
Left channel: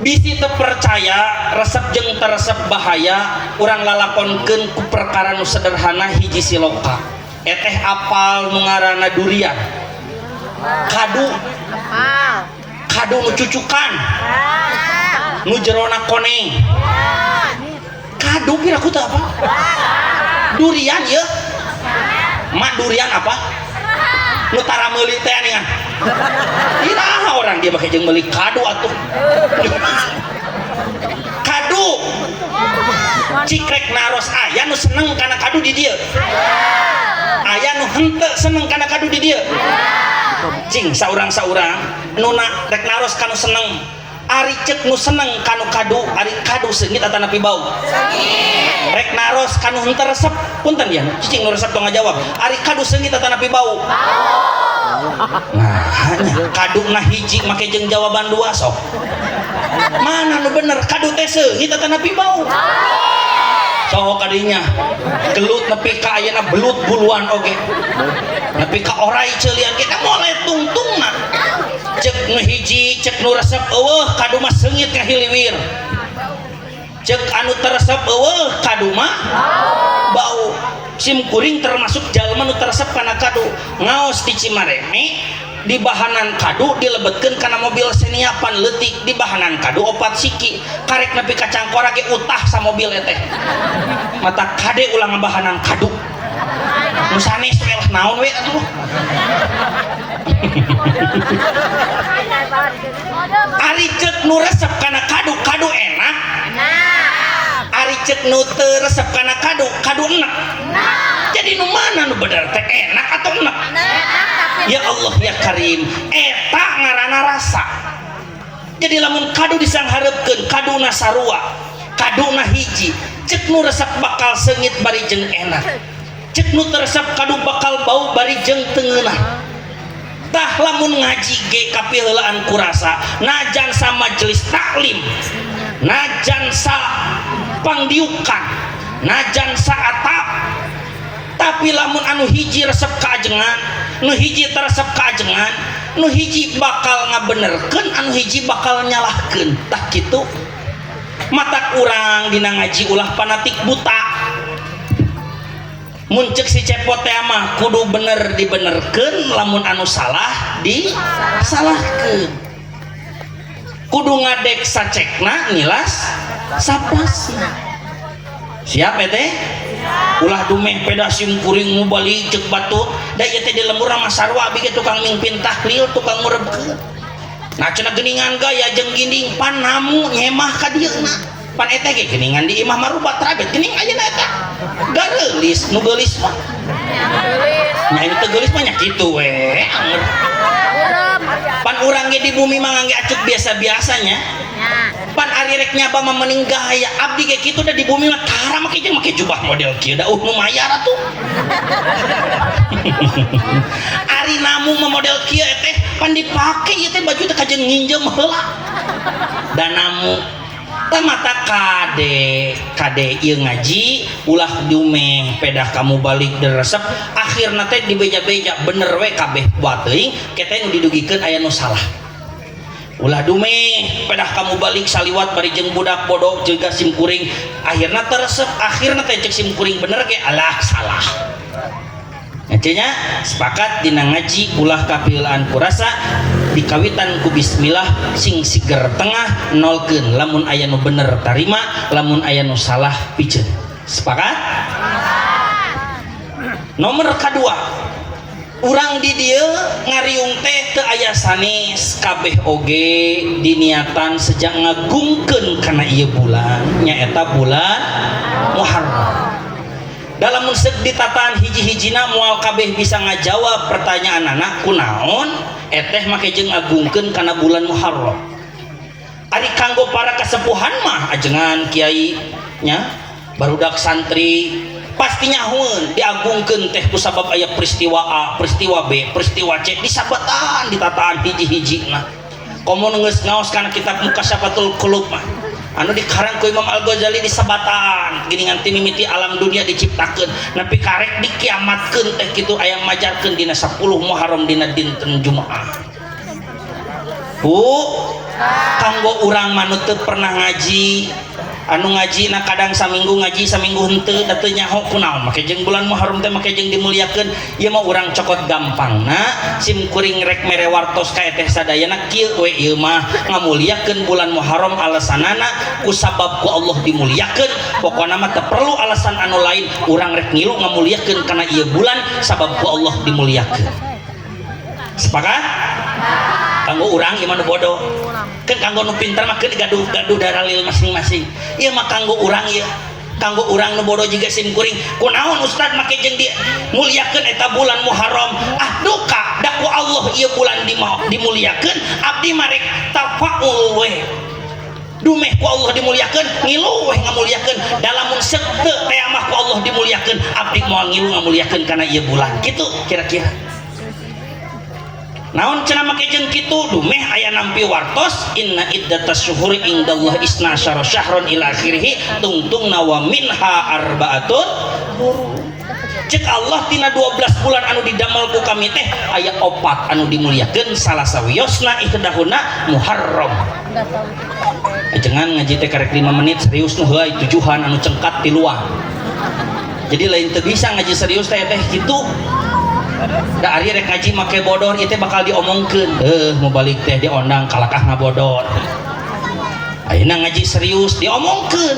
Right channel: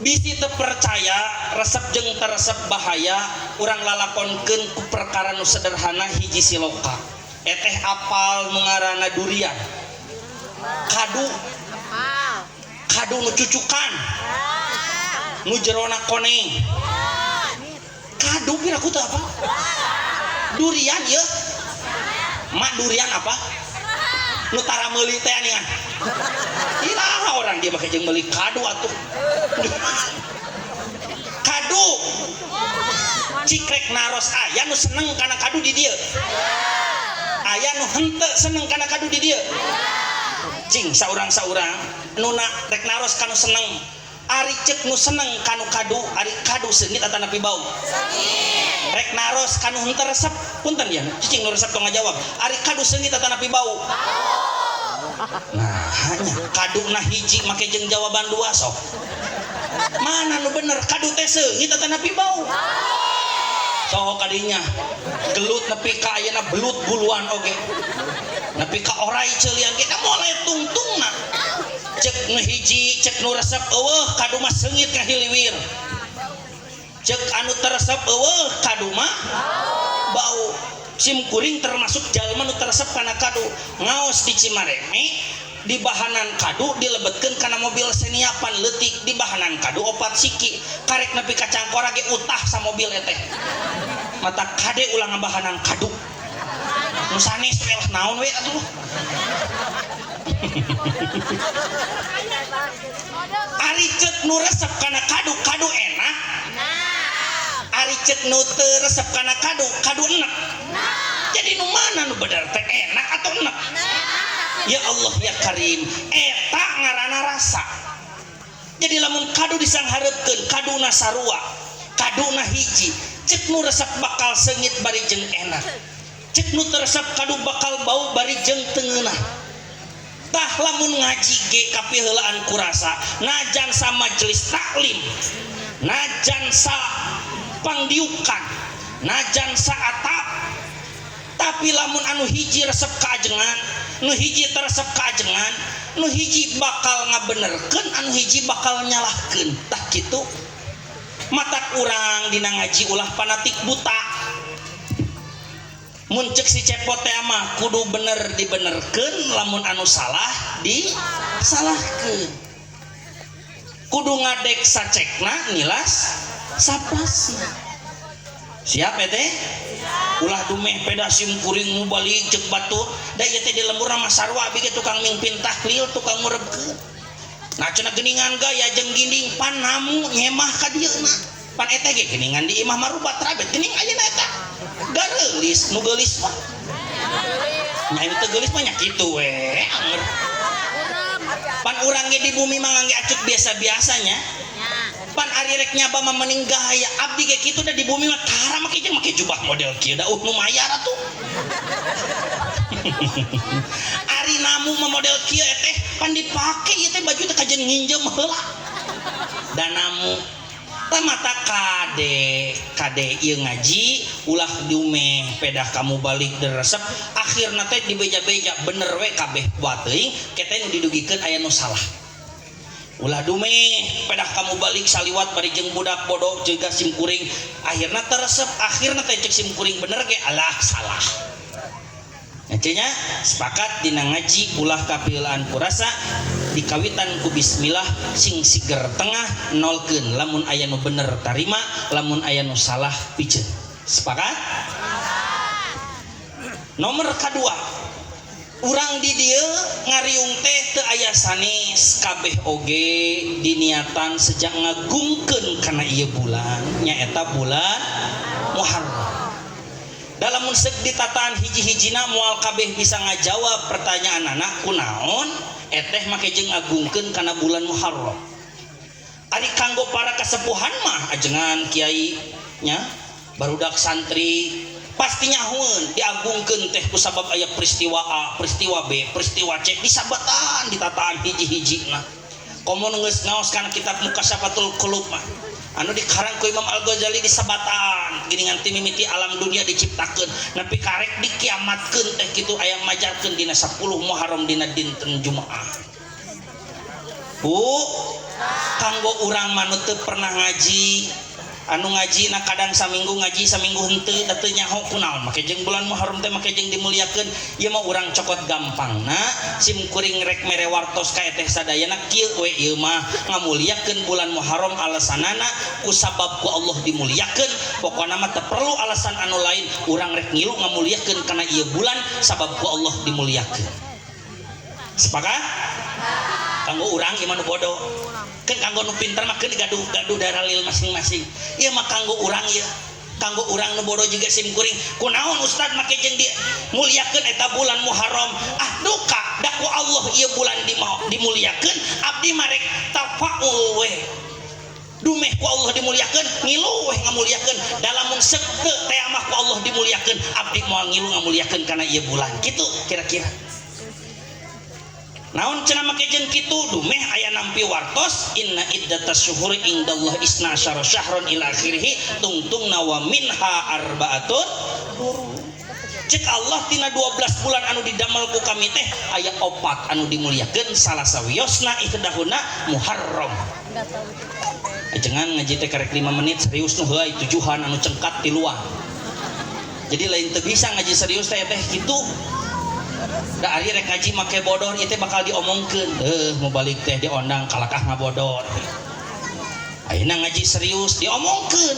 bisi teu percaya resep jeung teresep bahaya urang lalakonkeun ku perkara nu sederhana hiji siloka eteh apal nu ngaranna durian kadu nu cucukan nu jerona koneng kadu piraku teh apa durian ya mak durian apa nu tara meuli teh aningan iraha orang dia make jeung meuli kadu atuh kadu cikrek naros aya nu seneng kana kadu di dieu henteu seneng kana kadu di dieu cing saurang-saurang nuna rek naros kanu seneng ari ceuk nu seneng kanu kadu ari kadu seungit atau napi bau rek naros kanu henteu resep punten ya cicing nu resep tong ngajawab ari kadu seungit atau napi bau nah hanya kadu na hiji make jeung jawaban dua sok mana nu bener kadu teh seungit atau napi bau sok kadinya gelut nepi ka ayeuna belut buluan oge nepi ka orai ceuleuan kita moal tungtungna cek nu hiji cek nu resep eueuh kadu mah seungit ka hiliwir cek anu teresep eueuh kadu mah bau sim kuring termasuk jalma nu teresep kana kadu ngaos di Cimareme di bahanan kadu dilebetkeun kana mobil seniapan leutik di bahanan kadu opat siki karek nepi ka cangkora ge utah sa mobil teh mata kade ulang bahanan kadu nu sanes we lah naon we atuh ari ceuk nu resep kana kadu kadu enak ari ceuk nu teu resep kana kadu kadu enak jadi nu mana nu bener teh enak atau enak ya Allah ya Karim eta ngaranna rasa jadi lamun kadu disangharepkeun kaduna sarua kaduna hiji cek nu resep bakal seungit bari jeung enak cek nu teresep kadu bakal bau bari jeung teu ngeunah tah lamun ngaji ge kapiheulaan kurasa najan sa majelis taklim najan sa pangdiukan najan sa atap tapi lamun anu hiji resep kaajengan nu hiji teresep kaajengan nu hiji bakal ngabenerkeun anu hiji bakal nyalahkeun tah kitu mata urang dina ngaji ulah fanatik buta mun ceuk si cepot teh mah kudu bener dibenerkeun lamun anu salah disalahkeun kudu ngadek sacekna nilas sapasi siap teh ulah dumeh peda sim kuring nu bali ceuk batu da ieu teh di lembur mah sarua abi ge tukang mimpin tahlil tukang ngurebkeun nah cenah geuningan gaya jeung ginding pan namu nyemah ka dieu na pan eta ge geuningan di imah marubat rabet geuning ayeuna eta gareulis nu geulis mah nya ini teh geulis mah nya kitu we anger pan urang ge di bumi mah ngangge acut biasa-biasanya pan ari rek nyaba mah mending gaya abdi ge kitu da di bumi mah tara make jeung make jubah model kieu da nu mayar atuh ari namu mah model kieu teh pan dipake ieu teh baju teh kajen nginjem heula da namu tah mata kade ieu ngaji ulah dumeh pedah kamu balik diresep akhirna teh dibeja-beja bener we kabeh buat teuing kete nu didugikeun aya nu salah ulah dumeh pedah kamu balik saliwat bari jeung budak bodoh juga sim kuring akhirna teresep akhirna teh cek sim kuring bener ge alah salah nya sepakat dina ngaji ulah kapiheulaan kurasa dikawitan ku bismillah sing siger tengah nolkeun lamun aya nu bener tarima lamun aya nu salah piceun sepakat nomor kadua urang di dieu ngariung teh teu aya sanes kabeh oge diniatan sejak ngagungkeun kana ieu bulan nyaeta bulan Muharram dalam musik ditataan hiji-hijina mual kabeh bisa ngajawab pertanyaan anak kunaon eteh make jeung agungkeun kana bulan Muharram ari kanggo para kasepuhan mah ajengan kiai nya barudak santri pasti nyahoeun diagungkeun teh ku sabab aya peristiwa A, peristiwa B, peristiwa C disabatan ditataan hiji-hijina. Komo geus ngaos kana kitab Mukasyafatul Qulub mah. Anu dikarang ku Imam Al-Ghazali disabatan geuningan ti mimiti alam dunia diciptakeun nepi karek dikiamatkeun teh kitu aya majarkeun dina 10 Muharram dina dinten Jumaah. Kanggo urang manut teu pernah ngaji anu ngaji na kadang saminggu ngaji saminggu henteu da teu nyaho kunaon make jeung bulan Muharram teh make jeung dimuliakeun ieu mah urang cokot gampangna sim kuring rek mere wartos ka teh sadayana kieu we ieu mah ngamuliakeun bulan Muharram alasanana ku sabab ku Allah dimuliakeun pokona mah teu perlu alasan anu lain urang rek ngilu ngamuliakeun kana ieu bulan sabab ku Allah dimuliakeun sepakat kanggo urang ieu mah nu bodoh kan kanggo nu pintar mah keun gaduh daralil masing-masing ieu mah kanggo urang ieu kanggo urang nu bodoh juga sim kuring kunaon ustad make jeung dia muliakeun eta bulan Muharram duka da ku Allah ieu bulan dimuliakeun abdi marek tafaul we dumeh ku Allah dimuliakeun ngilu we ngamuliakeun dalamun sekte teh mah ku Allah dimuliakeun abdi moal ngilu ngamuliakeun kana ieu bulan kitu kira-kira naon cenah make jeung kitu dumeh aya nampi wartos inna iddatas syuhuri indallah isna asyara syahron ila akhirih tungtungna wa minha arbaatun hurum cek Allah tina 12 bulan anu didamel ku kami teh aya 4 anu dimuliakeun salah sawiosna ihdahuna Muharram jangan ngaji teh karek 5 menit serius nu heuy tujuan anu cengkat ti luar jadi lain teu bisa ngaji serius teh kitu da ari rek ngaji make bodor ieu teh bakal diomongkeun mau balik teh diondang kalakah ngabodor ayeuna ngaji serius diomongkeun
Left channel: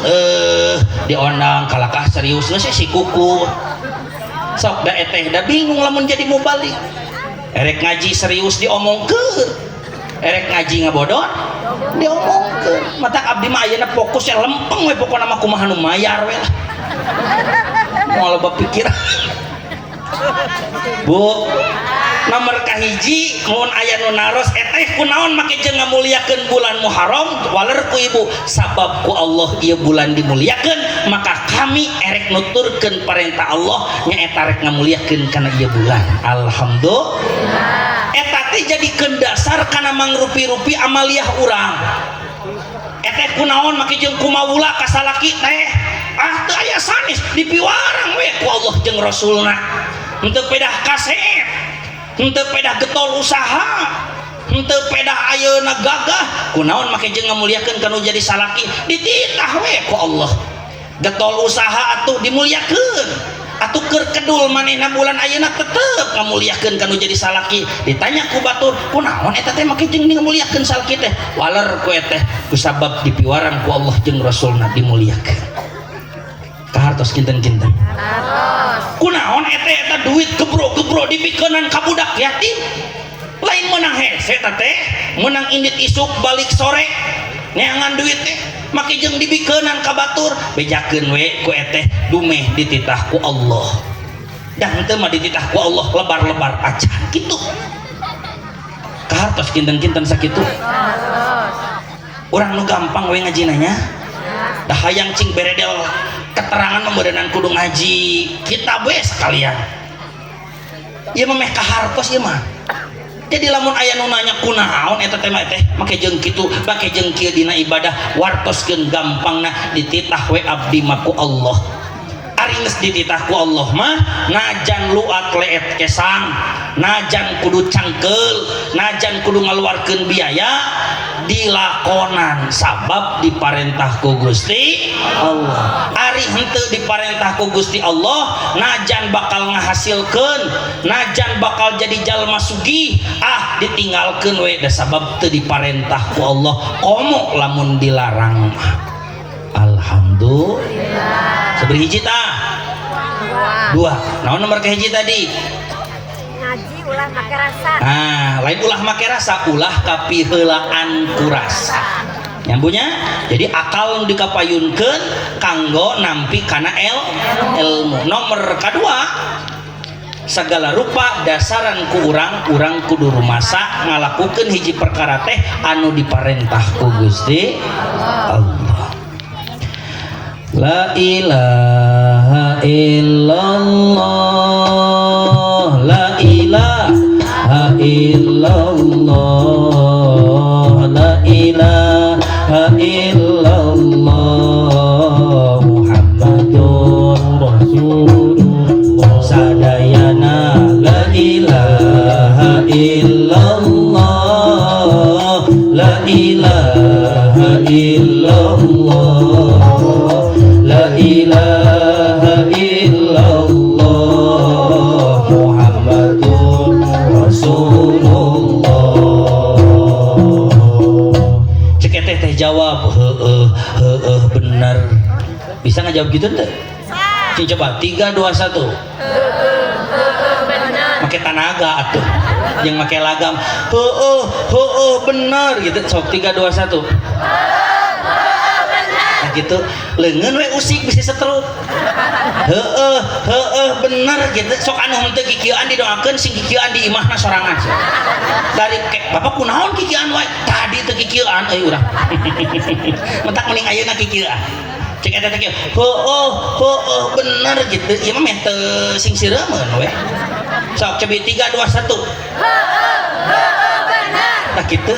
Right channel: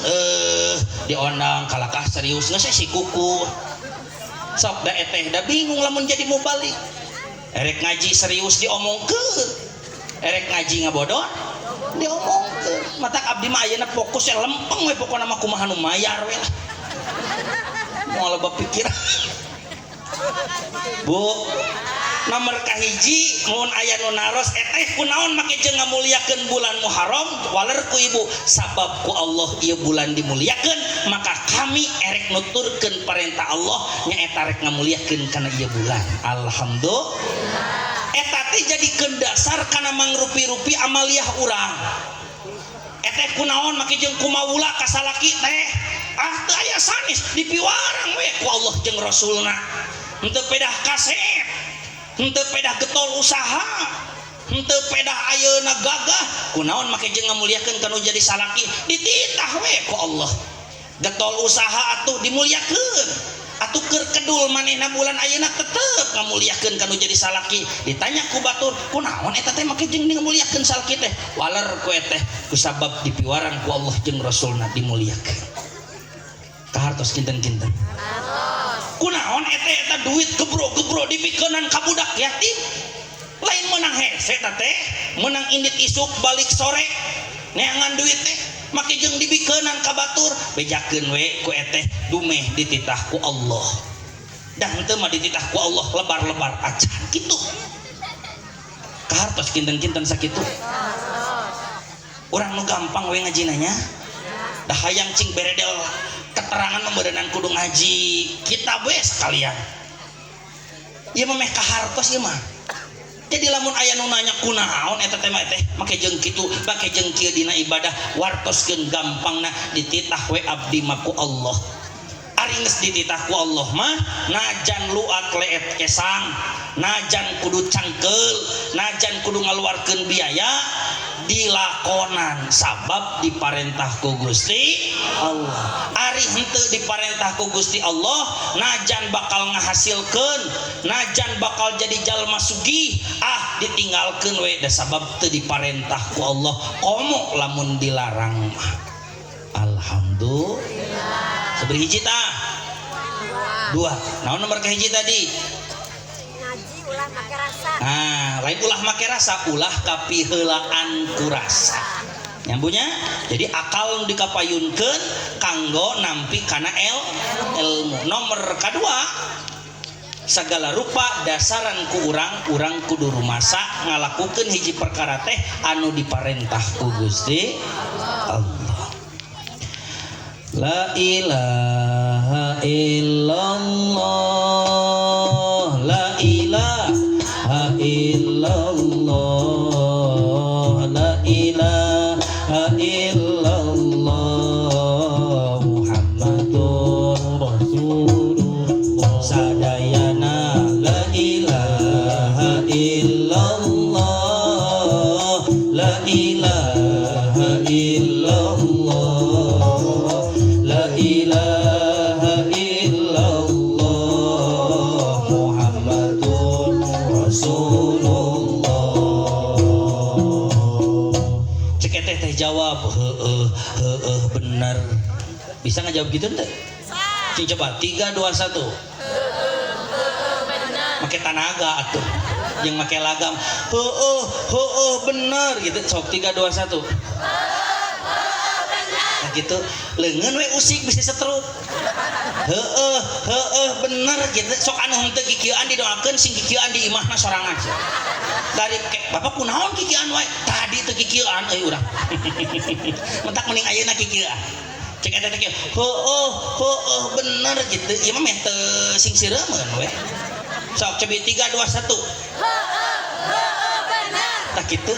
diondang kalakah serius geus si kuku sok da eteh da bingung lamun jadi mau balik erek ngaji serius diomongkeun erek ngaji ngabodor diomongkeun matak abdi mah ayeuna fokusnya lempeng we pokona mah kumaha nu mayar we lah moal bapikir Bu nomor kahiji mun aya nu naros eteh kunaon make jeung ngamuliakeun bulan Muharram waler ku ibu sabab ku Allah ieu bulan dimuliakeun maka kami erek nuturkeun parentah Allah nyaeta rek ngamuliakeun kana ieu bulan alhamdulillah eta teh jadikeun dasar kana mangrupi-rupi amaliah urang eteh kunaon make jeung kumawula ka salaki teh teu aya sanes dipiwarang we ku Allah jeung Rasulna henteu pedah kaset henteu pedah getol usaha henteu pedah ayeuna gagah kunaon make jeung ngamuliakeun kanu jadi salaki dititah we ku Allah getol usaha atuh dimuliakeun atuh keur kedul manehna bulan ayeuna tetep ngamuliakeun kanu jadi salaki ditanya ku batur kunaon eta teh make jeung ngamuliakeun salaki teh waler ku teh kusabab dipiwarang ku Allah jeung Rasulna dimuliakeun kahartos kinten-kinten kunaon eta duit gebro-gebro dipikeunnan ka budak yatim lain menang hese teh menang indit isuk balik sore neangan duit teh make jeung dibikeunnan ka batur bejakeun we ku eteh dumeh dititah ku Allah dan teu mah dititah ku Allah lebar-lebar acan kitu kahartos kinten-kinten sakitu urang nu gampang we ngajina nya dah hayang cing beredel keterangan pemberenan kudu ngaji kitab we sekalian ieu mah kahartos ieu mah jadi lamun aya nu nanya kunaon eta teh mah teh make jeung kitu make jeung kieu dina ibadah wartoskeun gampangna dititah we abdi mah ku Allah ari geus dititah ku Allah mah najan luat leet kesang najan kudu cangkeul najan kudu ngaluarkeun biaya dilakonan sabab diparentah ku Gusti Allah ari henteu diparentah ku Gusti Allah najan bakal ngahasilkeun najan bakal jadi jalma sugih ditinggalkeun we da sabab teu diparentah ku Allah komo lamun dilarang alhamdulillah sabari hiji tah dua naon nomor kahiji tadi ngaji ulah make rasa lain ulah make rasa ulah kapiheulaan ku rasa nyambunya jadi akal nu dikapayunkeun kanggo nampi kana ilmu nomor kadua segala rupa dasaran ku urang kudu rumasa ngalakukeun hiji perkara teh anu diparentah ku Gusti Allah la ilaha illallah la ilaha illallah la ilaha illallah Muhammadur Rasulullah sadayana la ilaha illallah la ilaha illallah la ilaha illallah Muhammadur Rasulullah cek teh jawab heeh bener bisa ngajawab gitu teh cing coba 3 2 1 make tanaga atuh yang make lagam bener gitu sok 3 2 1 gitu leungeun we usik bisa setruk bener gitu sok anu henteu kikieuan didoakeun sing kikieuan di imahna sorangan dari bapak kunaon kikieuan wae tadi teu kikieuan euy urang mentak mending ayeuna kikieuan cek eta teh bener gitu ieu mah meh teu sing sireumeun we sok cobi 3 2 1 bener tah kitu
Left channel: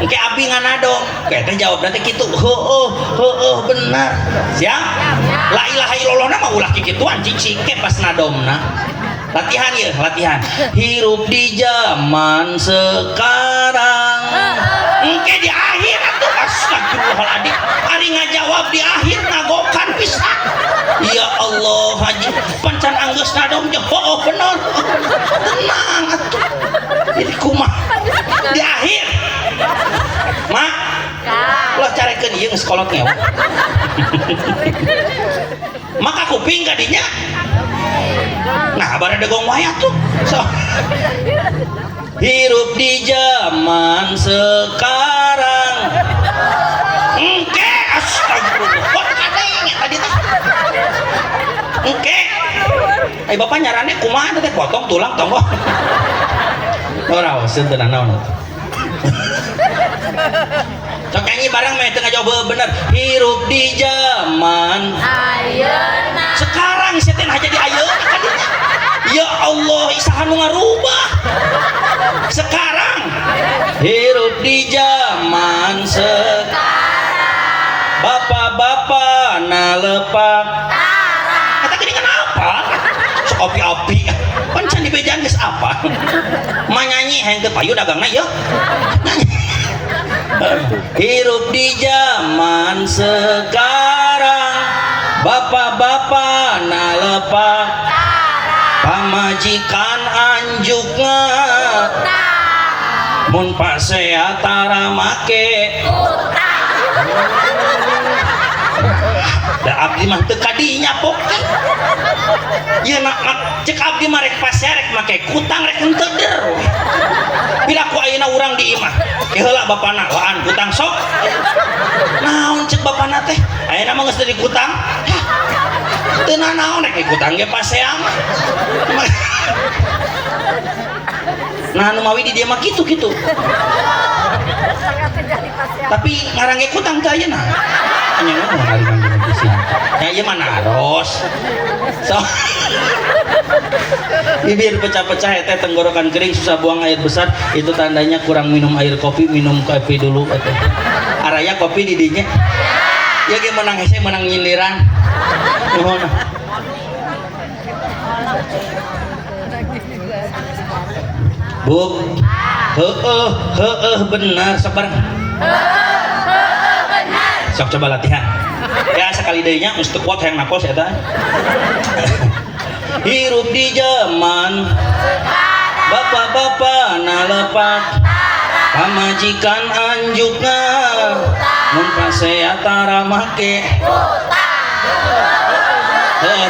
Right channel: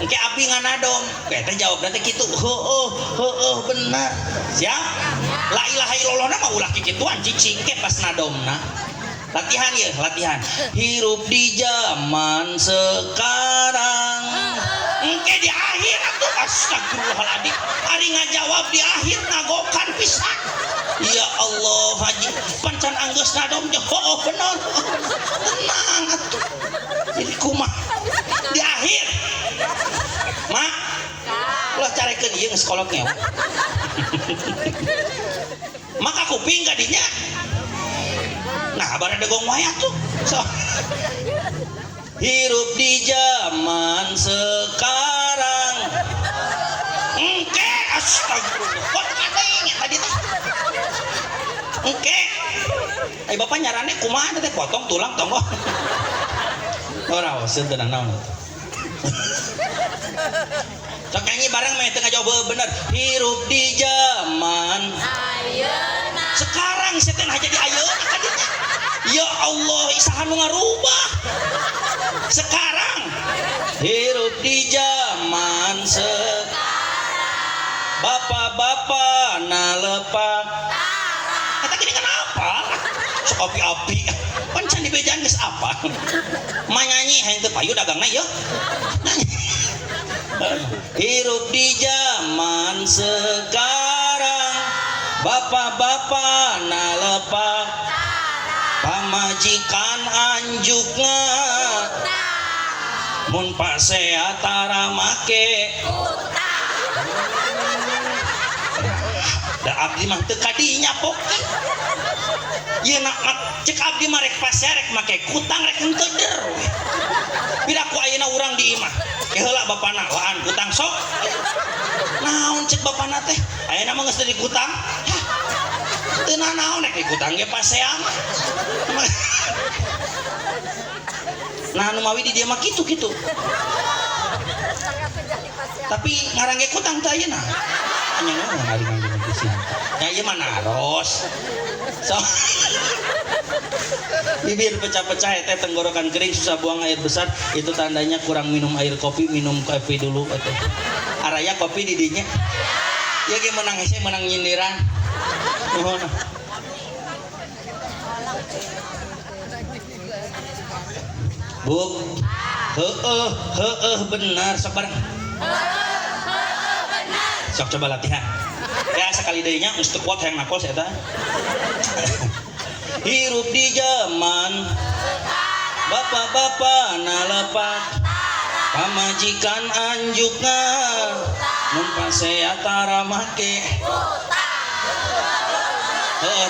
engke abdi nganadong eta jawab nanti kitu bener siap la ilaha illallah mah ulah kikituan cicing ke pas nadomna latihan ya latihan hirup di zaman sekarang engke di akhir atuh astagfirullahaladzim ari ngajawab di akhir ngagokan pisan ya Allah haji pancan anggeus nadom jeung bener tenang atuh jadi kumaha di akhir mak ulah carekeun ieu geus kolot ngewe maka kuping kadinya nah bareng degong wayat tuh so hirup di zaman sekarang engke astagfirullah kok kadeng tadi teh engke ai bapak nyarane kumaha teh potong tulang tonggong ora wae seunteun naon sok nyanyi bareng meh teu ngajawab bener hirup di zaman ayeuna sekarang sia teh jadi ayeuna kadinya ya Allah isaha nu ngarubah sekarang hirup di zaman sekarang bapak-bapak nalepak eta gini kenapa sok api-api pancan di bejaan geus apa mah nyanyi henteu payu dagangna ya nyanyi hirup di zaman sekarang bapak-bapak nalepak pamajikan anjukna mun pasea tara make da abdi mah teu kadinya poke ieu cek abdi mah rek pasea rek make kutang rek henteu der bila ku ayeuna urang di imah heula bapana laan kutang sok naon cek bapana teh ayeuna mah geus teu di kutang teu naon rek kutang ge pasea mah nah nu mawi di dia mah kitu-kitu tapi ngarange kutang teh ayeuna anya ngomong ari mangga pisan ya ieu mah naros so bibir pecah-pecah teh tenggorokan kering susah buang air besar itu tandanya kurang minum air kopi minum kopi dulu atuh araya kopi di dinya ya ge menang hese menang nyindiran mohon Bu benar sabar benar sok coba latihan ya sekali deui nya geus teu kuat hayang napos eta hirup di zaman bapak-bapak nalepak pamajikan anjukna mun pasea tara make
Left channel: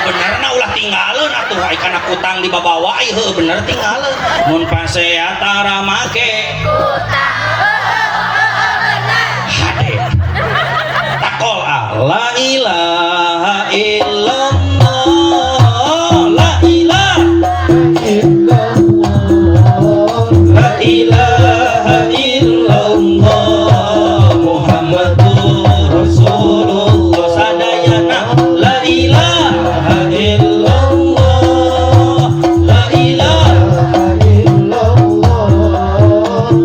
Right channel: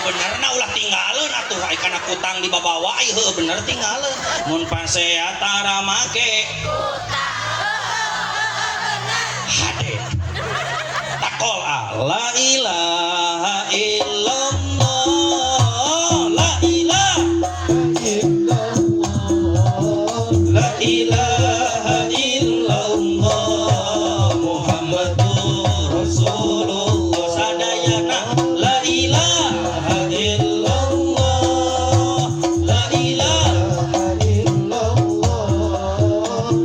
benerna ulah tinggalin atuh kana kutang di babawa bener tinggalin mun pasea tara make hade takol la ilaha illallah la ilaha illallah Muhammadur Rasulullah sadayana la ilaha illallah la ilaha illallah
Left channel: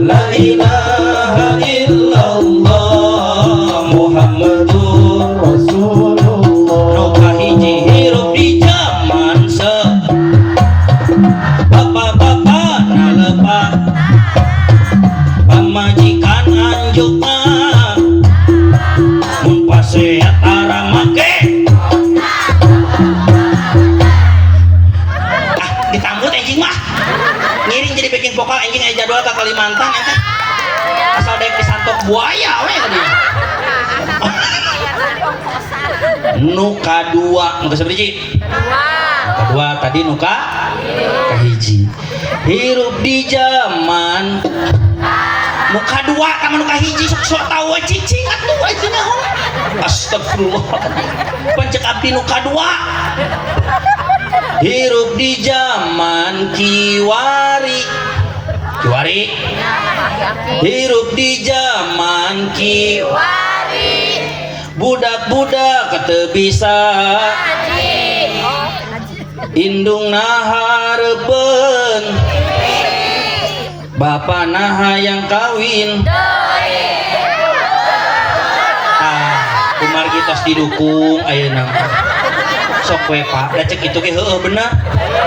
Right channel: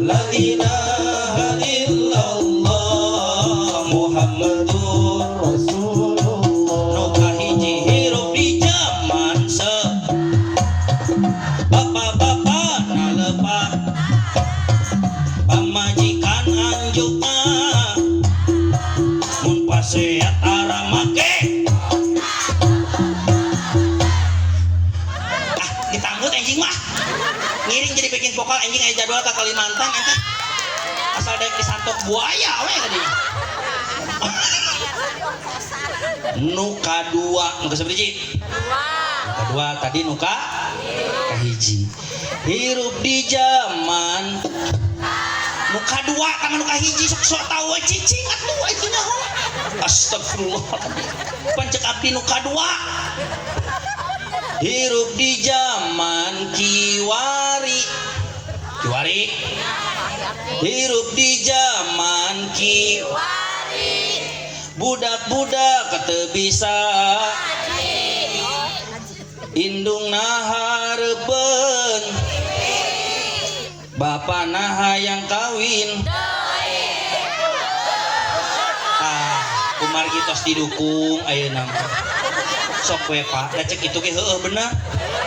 la ilaha illallah Muhammadur Rasulullah nu kahiji hirup di zaman bapak-bapak nalepak pamajikan anjukna mun pasea tara make ditambut anjing mah ngiring jadi backing vokal anjing aya jadwal ke Kalimantan eta asal daek disantok buaya we dia nu kadua nu kasabaraha kedua tadi nu kahiji hirup di zaman nu kadua ka nu kahiji sok tahu cicing atuh aja naon astagfirullah pancek abdi nu kadua hirup di zaman kiwari hirup di zaman kiwari budak-budak teu bisa indung nahareupeun bapa naha yang kawin kumar kitos didukung ayeuna sok we Pak da cek kitu ge heueuh bener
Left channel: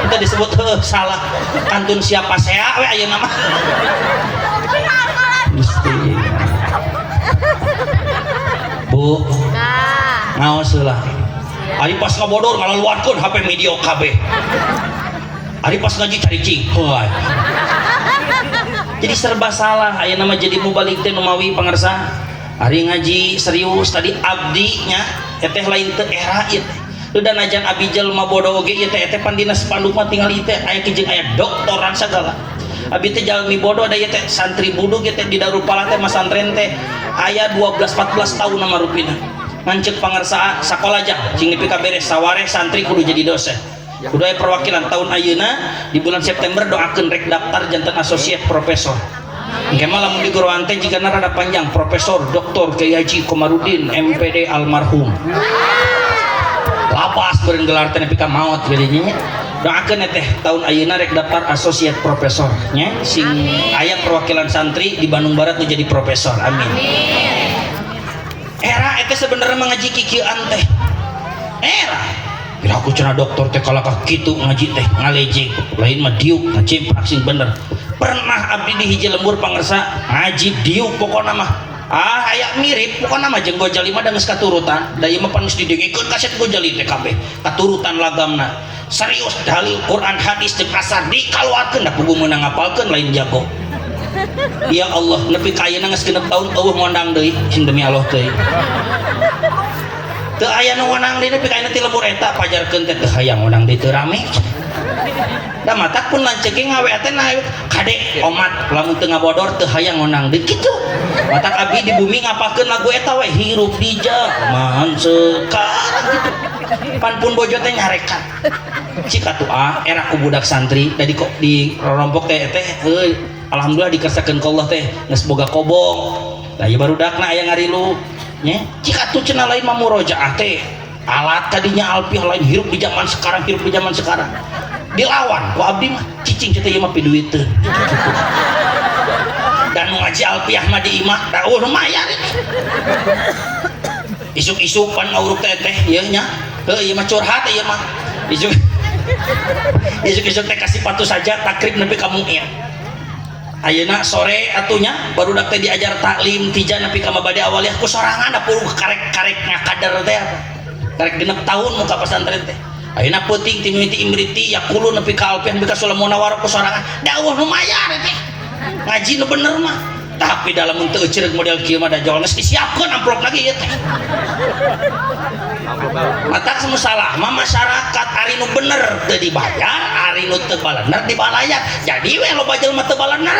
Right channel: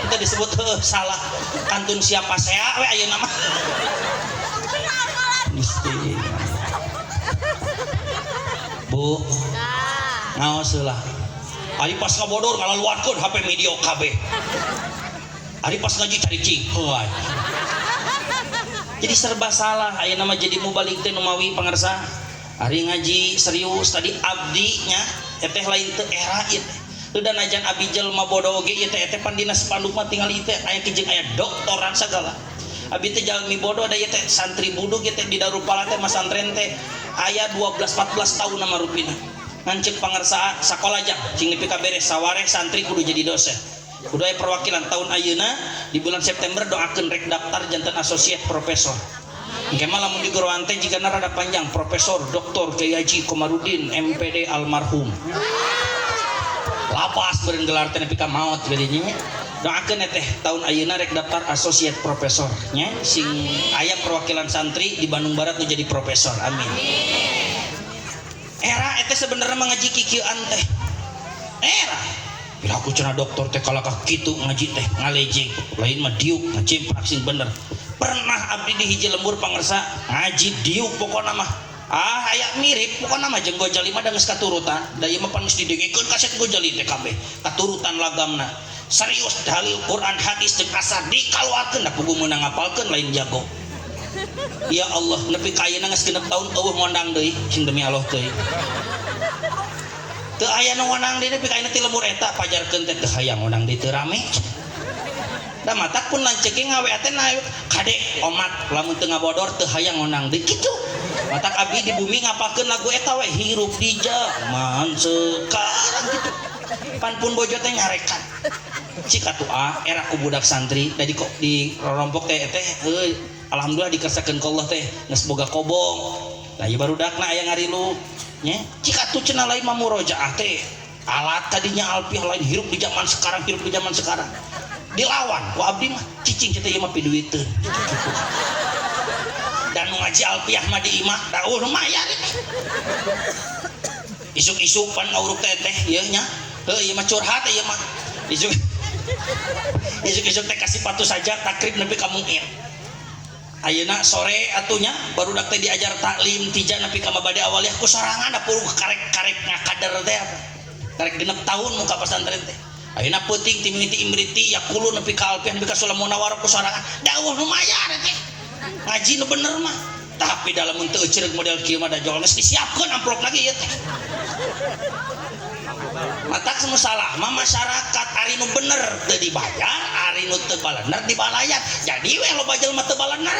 kita disebut heueuh salah kantun siapa sea we ayeuna mah mesti Bu ngaos heula ari pas ngabodor ngalaluankeun HP media KB ari pas ngaji caricing heuh jadi serba salah ayeuna mah jadi mubalik teh numawi pangarsa ari ngaji serius tadi abdinya teteh lain teu era ieu teh dan ajan abdi jelema bodoh oge ieu teh pan dina spanduk mah tinggal ieu teh aya kijing aya doktoran sagala abdi teh jalmi bodoh da ieu teh santri buduk ieu teh di Darupala teh masantren teh aya 12-14 tahun nama rupina ngancek pangarsa sakola aja cing nepi ka beres saware santri kudu jadi dosen kudu aya perwakilan tahun ayeuna di bulan September doakeun rek daftar janten associate profesor. Engke mah lamun di goroan teh jigana rada panjang Profesor Dr. Kiai Haji Komarudin MPD almarhum. Lapas beureun gelar teh nepi ka maot geudinya. Doakeun teh tahun ayeuna rek daftar associate profesor nya sing aya perwakilan santri di Bandung Barat nu jadi profesor. Amin. Era eta sebenarnya mengaji kikieuan teh. Era bila aku cenah dokter teh kalakah kitu ngaji teh ngalejeng lain mah diuk ngacimpak sing bener. Pernah abdi di hiji lembur pangersa ngaji diuk pokona mah aya mirip pokona mah jeung Gojali mah da geus katurutan da ieu mah pan geus didengikeun kaset Gojali teh kabeh katurutan lagamna serius dalil Quran hadis jeung asar dikaluarkeun da pugu meunang ngapalkeun lain jago ya Allah nepi ka ayeuna geus genep taun eueuh ngondang deui sing demi Allah teh teu aya nu ngondang deui nepi ka ayeuna ti lembur eta pajarkeun teh teu hayang ngondang deui teu rame da matak pun lanceking ngawe teh na kade omat lamun teu ngabodor teu hayang ngondang deui kitu matak abdi di bumi ngapalkeun lagu eta we hirup di zaman sekarang gitu pan pun bojo teh nyarekan cik atuh era ku budak santri da di rompok teh alhamdulillah dikesakeun ka Allah teh geus boga kobong da ieu barudakna aya ngarilu nya cik atuh cenah lain mah murojaah teh alat tadinya alfiah lain hirup di zaman sekarang dilawan ku abdi mah cicing teh ieu mah piduit teu dan ngaji alfiah mah di imah da lumayan isuk-isuk pan nguruk teh ieu nya heuh ieu mah curhat ieu mah isuk-isuk teh kasih patu saja takrib nepi ka mu'in ayeuna sore atunya barudak teh diajar taklim tija nepi ka mabade awaliyah ku sorangan da puluh karek-karek ngakadar teh karek genep tahun muka pesantren teh ayeuna peuting ti mimiti imriti yakulu nepi ka alfiah nepi ka sulam munawar ku sorangan dawuh lumayan teh ngaji nu bener mah tapi dalam untuk ceureuh model kieu mah da jol geus disiapkeun amplop lagi ieu teh matak semua salah mah masyarakat ari nu bener teu dibayar ari nu teu balener dibalayar jadi we loba jelema teu balener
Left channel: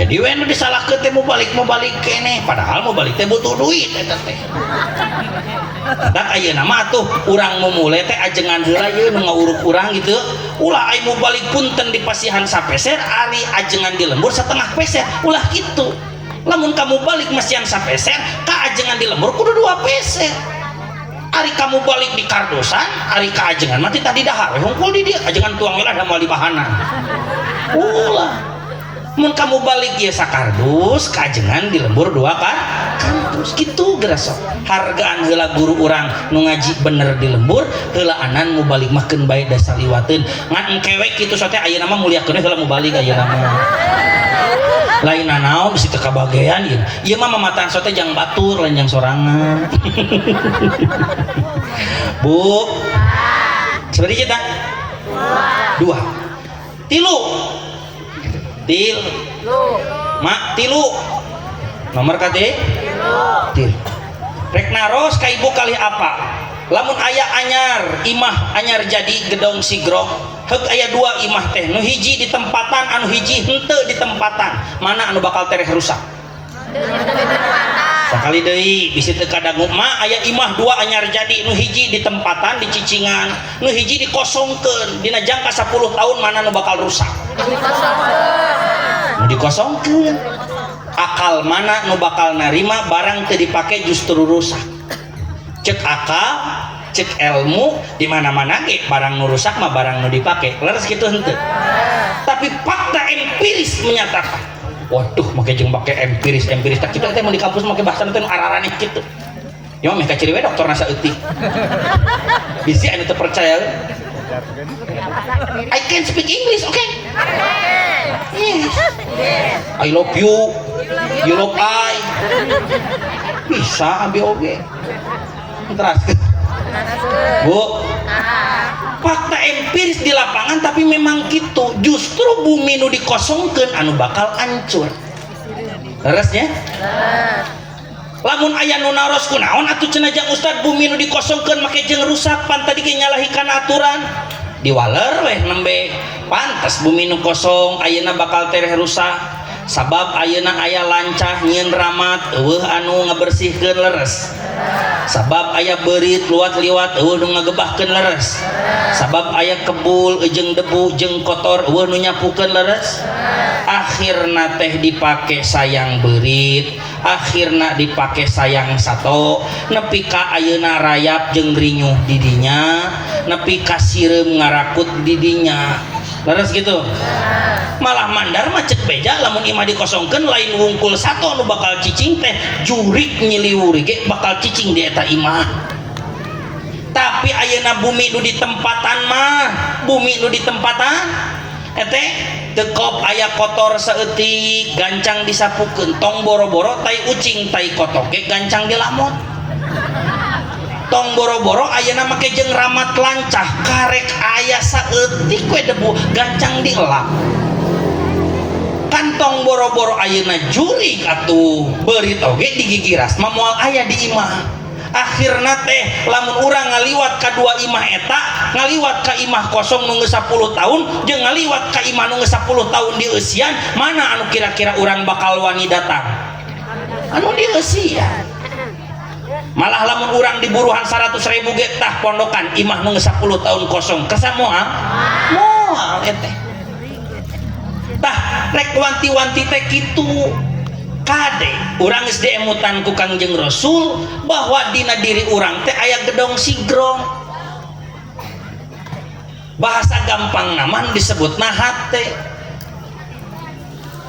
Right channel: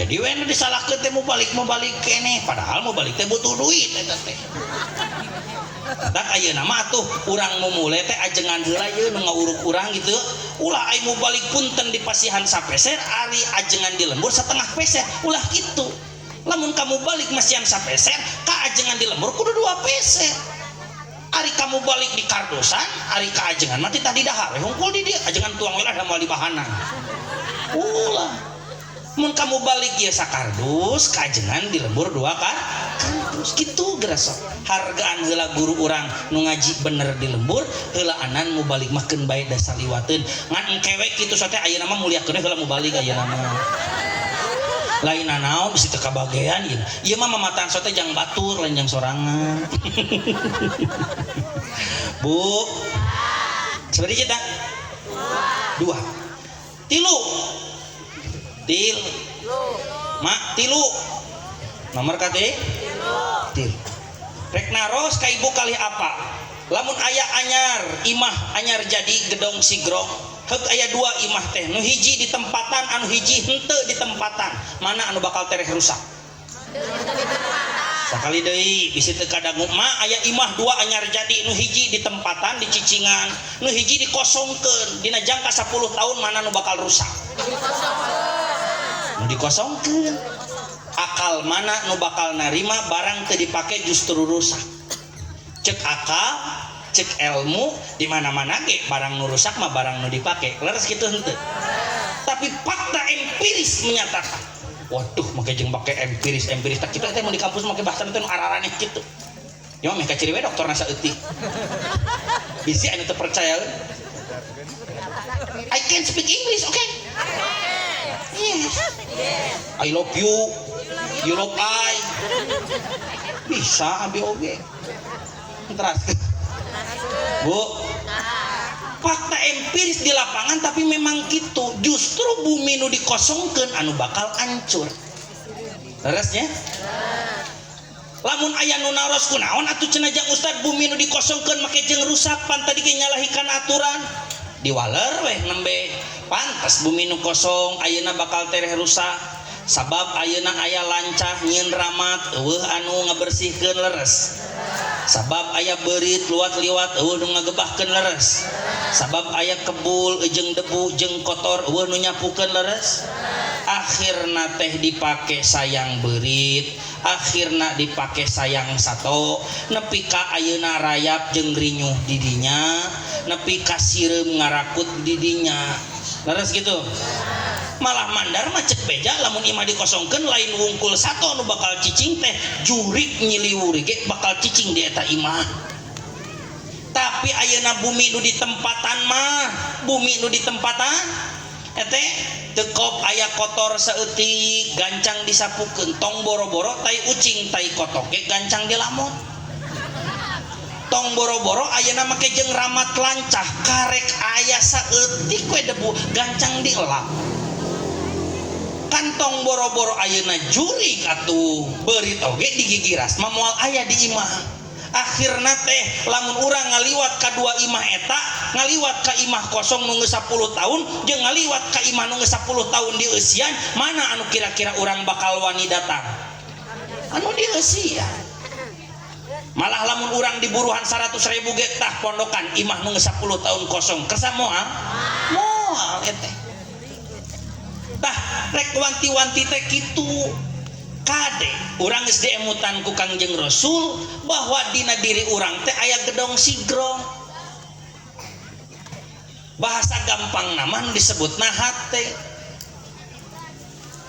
jadi we nu disalahkeun teh mau balik keneh padahal mau balik teh butuh duit eta teh dan ayeuna mah atuh urang memulai teh ajengan heula ieu nu ngawuruk urang gitu ulah ai mau balik punten di pasihan sapeser ari ajengan di lembur setengah peser ulah gitu lamun kamu balik masihan sapeser ka ajengan di lembur kudu 2 peser ari kamu balik di kardosan ari ka ajengan mati tadi dahar hungkul di dia ajengan tuang welah da moal di bahanan ulah mun kamu balik ieu sakardus ka ajengan di lembur 2 kardus kitu gerasa hargaan heula guru urang nu ngaji bener di lembur heula anan mu balik mah keun bae da saliwateun ngan engkewek kitu sote ayeuna mah muliakeun heula mu balik ayeuna mah lain nanaon bisi teu kabagean ieu mah mamataan sote jang batur lain jang sorangan Bu seperti kita 2 tilu mak tilu nomor kade til rek naros ka ibu kali apa lamun aya anyar imah anyar jadi gedong sigrok heuk aya 2 imah teh nu hiji di tempatan anu hiji henteu di tempatan mana anu bakal tereh rusak sakali deui bisi teu kadangu mah aya imah dua anyar jadi nu hiji di tempatan di cicingan nu hiji dikosongkeun dina jangka 10 tahun mana nu bakal rusak nu dikosongkeun akal mana nu bakal narima barang teu dipake justru rusak cek akal cek ilmu di mana-mana ge barang nu rusak mah barang nu dipake leres kitu henteu tapi fakta empiris menyatakan waduh make jeung make empiris tak kitu teh mun di kampus make bahasa teh nu araraneh kitu nya mah ka ciri we dokter nasa eutik bisi anu teu percaya I can speak English okay yes I love you you love I bisa ambil oge terus Bu fakta empiris di lapangan tapi memang gitu justru bumi nu dikosongkeun anu bakal hancur leresnya lamun aya nu naros kunaon atuh cenah jang ustad bumi nu dikosongkeun make jeung rusak pan tadi ge nyalahikeun aturan diwaler weh nembe pantes bumi nu kosong ayeuna bakal tereh rusak sabab ayeuna aya lancah nyieun ramat eueuh anu ngabersihkeun leres sabab aya beurit luat liwat eueuh nu ngagebahkeun leres sabab aya kebul jeung debu jeung kotor eueuh nu nyapukeun leres akhirna teh dipake sayang beurit akhirna dipake sayang sato nepi ka ayeuna rayap jeung rinyuh di dinya nepi ka sireum ngarakut di dinya leres gitu malah mandar mah cek beja lamun imah dikosongkeun lain wungkul sato nu bakal cicing teh jurik nyiliwuri ge bakal cicing di eta imah tapi ayeuna bumi nu ditempatan mah bumi nu ditempatan eteh tekop aya kotor saeutik gancang disapukeun tong boro-boro tai ucing tai kotok ge gancang dilamot tong boro-boro ayeuna make jeung ramat lancah karek aya saeutik we debu gancang dielap kantong boro-boro ayeuna jurig atuh beurit oge digigiras mah moal aya di imah akhirna teh lamun urang ngaliwat ka dua imah eta ngaliwat ka imah kosong nu geus 10 tahun jeung ngaliwat ka imah nu geus 10 tahun di eusian mana anu kira-kira urang bakal wani datang anu di eusian malah lamun urang di buruhan 100.000 ge tah pondokan imah nu geus 10 tahun kosong kersa moal moal eteh tah rek wanti-wanti teh kitu kade urang geus diemutan ku Kangjeng Rasul bahwa dina diri urang teh aya gedong sigrong bahasa gampang naman disebutna hate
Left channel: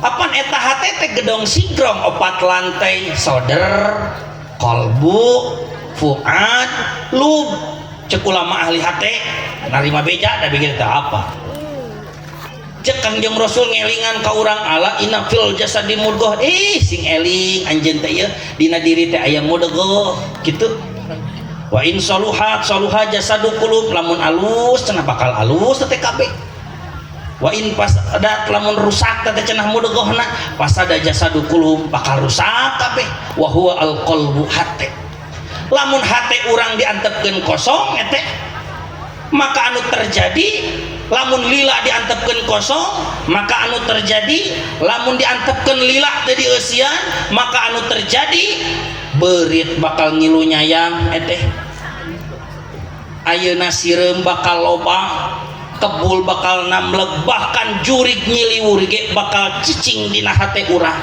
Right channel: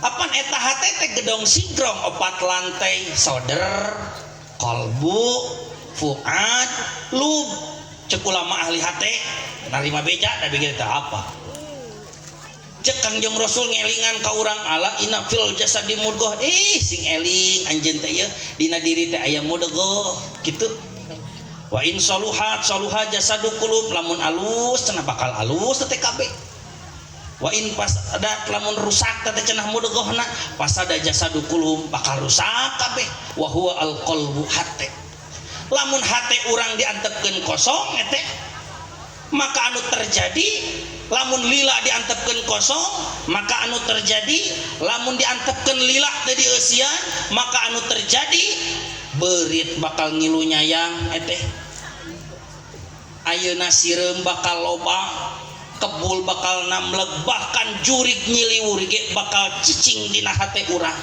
apan eta hate teh gedong sigrong 4 lantai soder kolbu fuad lub cek ulama ahli hate narima beja da bikin teh apa cek Kangjeng Rasul ngelingan ka urang ala inna fil jasadi mudghah sing eling anjeun teh ieu dina diri teh aya mudghah kitu wa in saluhat saluha jasadu qulub lamun alus cenah bakal alus teh kabeh wa in fasadat lamun rusak teh cenah mudghahna fasada jasadu qulub bakal rusak kabeh wa huwa al qalbu hate lamun hate urang diantepkeun kosong eteh maka anu terjadi lamun lila diantepkeun kosong maka anu terjadi lamun diantepkeun lila teh di eusian maka anu terjadi beurit bakal ngilu nyayang eteh ayeuna sireum bakal loba kebul bakal namleg bahkan jurig nyiliwur ge bakal cicing dina hate urang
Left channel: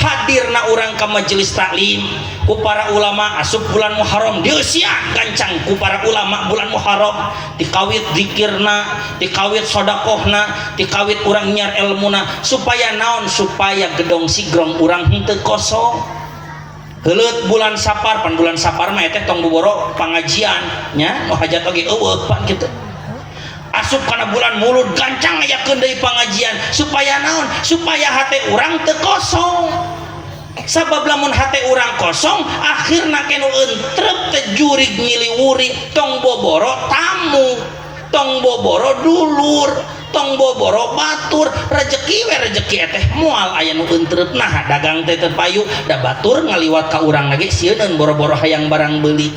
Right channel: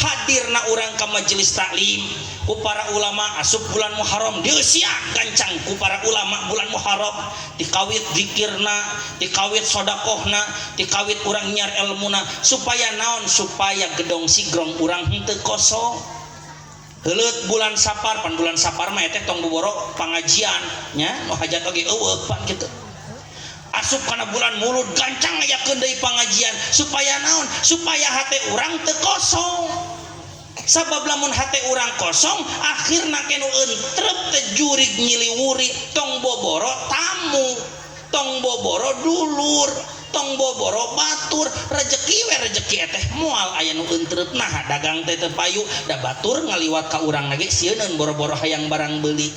hadirna urang ka majelis taklim ku para ulama asup bulan Muharram dieusian gancang ku para ulama bulan Muharram dikawit zikirna dikawit sedekahna dikawit urang nyiar ilmuna supaya naon supaya gedong sigrong urang henteu kosong heuleut bulan Sapar pan bulan Sapar mah teh tong boboro pangajian nya nu hajat oge eueuh pan kitu asup kana bulan Mulud gancang ngayakeun deui pangajian supaya naon supaya hate urang teu kosong sabab lamun hate urang kosong akhirna kenu entrep teh jurig nyiliwuri tong boboro tamu tong boboro dulur tong boboro batur rezeki we rezeki teh moal aya nu entrep nah dagang teh teu payu da batur ngaliwat ka urang lagi sieun boro-boro hayang barang beuli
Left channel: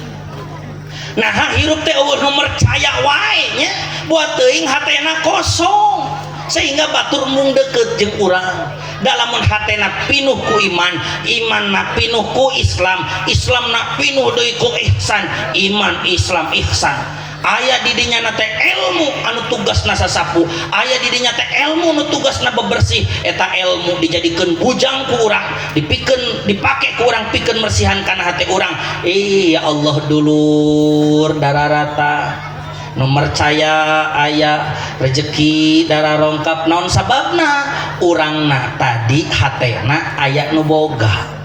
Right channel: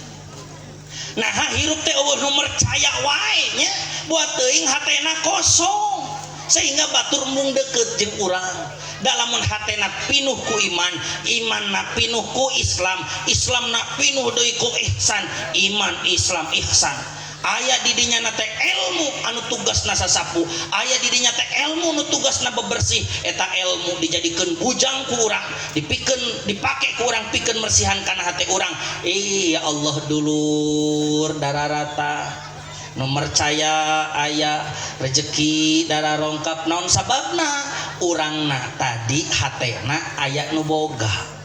nah hirup teh eueuh nu mercaya wae nya buat teuing hatena kosong sehingga batur mung deukeut jeung urang dalamun hatena pinuh ku iman, imanna pinuh ku Islam, Islamna pinuh deui ku ihsan, iman Islam ihsan. Aya di dinya teh ilmu anu tugasna sasapu, aya di dinya teh ilmu anu tugasna bebersih, eta ilmu dijadikeun bujang ku urang, dipake ku urang pikeun mersihan kana hate urang. Ya Allah dulur dararata nu percaya aya rezeki dararongkap naon sababna urangna tadi hatena aya nu boga.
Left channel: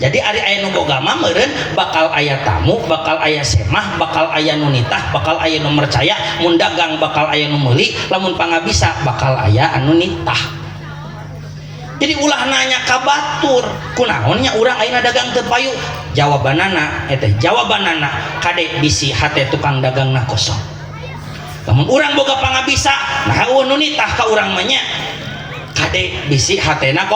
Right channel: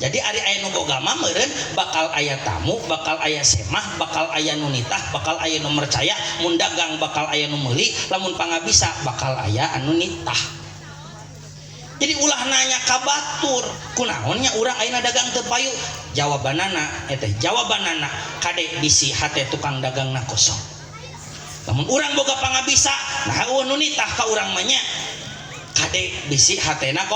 Jadi ari aya nu boga mah meureun bakal aya tamu, bakal aya semah, bakal aya nu nitah, bakal aya nu mercaya, mun dagang bakal aya nu meuli, lamun pangabisa bakal aya anu nitah. Jadi ulah nanya ka batur, kunaonnya urang ayeuna dagang teu payu? Jawabanana eta jawabanana kade bisi hate tukang dagangna kosong. Lamun urang boga pangabisa, nah nu nitah ka urang mah nya kade bisi hatena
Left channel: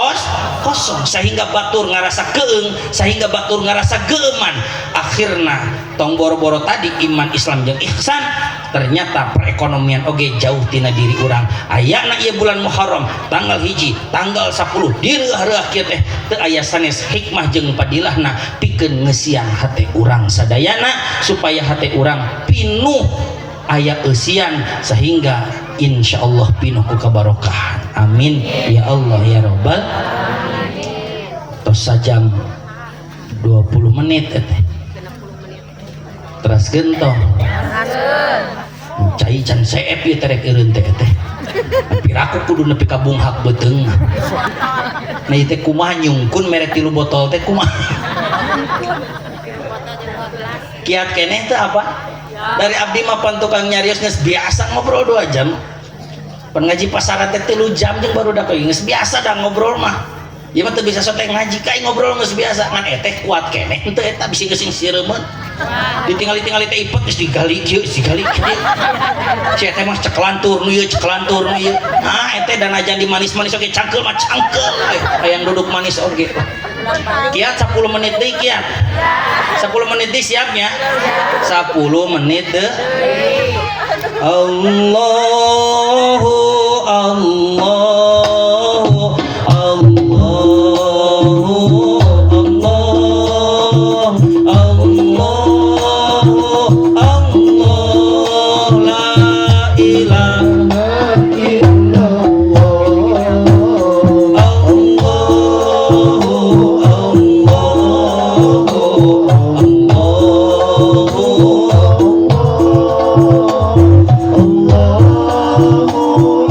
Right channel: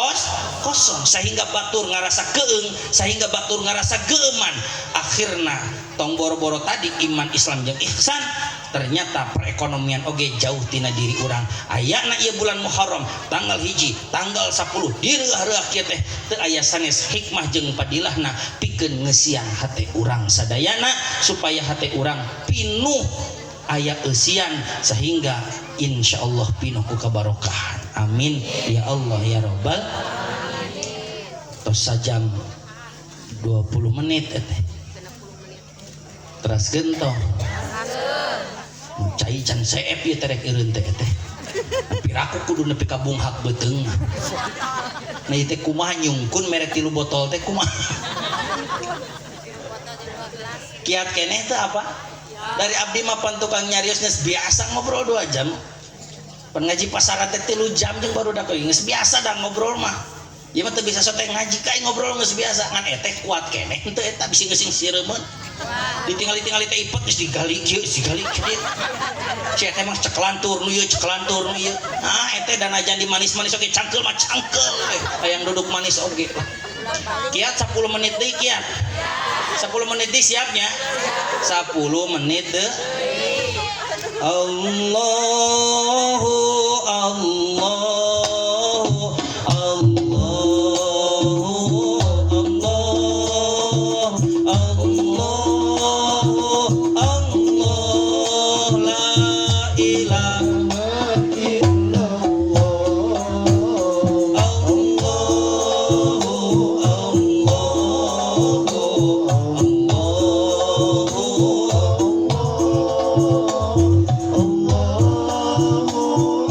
kosong sehingga batur ngarasa keung, sehingga batur ngarasa geuman. Akhirna tong boro-boro tadi iman Islam jeung ihsan, ternyata perekonomian oge jauh tina diri urang. Ayana ieu bulan Muharram tanggal 1 tanggal 10 direuah-reuah kieu teh teu aya sanes hikmah jeung padilahna pikeun ngeusian hate urang sadayana supaya hate urang pinuh aya eusian sehingga insyaallah pinuh ku kabarokahan. Amin ya Allah ya Rabbal. Tos sajam 20 menit teras gentong cai can seep ieu terek eureun teh piraku kudu nepi ka bunghak beuteung. Nah ieu teh kumaha nyungkun mere 3 botol teh kumaha kiat keneh teh apa dari abdi mah pan tukang nyarios geus biasa ngobrol 2 jam. Pan ngaji pasaran teh 3 jam jeung baru da geus biasa da ngobrol mah. Ieu mah teu bisa sote ngaji kae ngobrol geus biasa ngan eteh kuat keneh henteu eta bisi geusing sireumeun. Ditinggali-tingali teh ipet geus digali kieu digali kieu. Si eteh mah ceklantur nu ieu ceklantur nu ieu. Nah eteh dan ajan di manis-manis oge cangkeul mah cangkeul hayang duduk manis oge. Kiat 10 menit deui kiat. 10 menit deui siapnya. 10 menit deui. Allahu Allahu Allahu Allah Allah Allah la ilaha illallah Allahu Allahu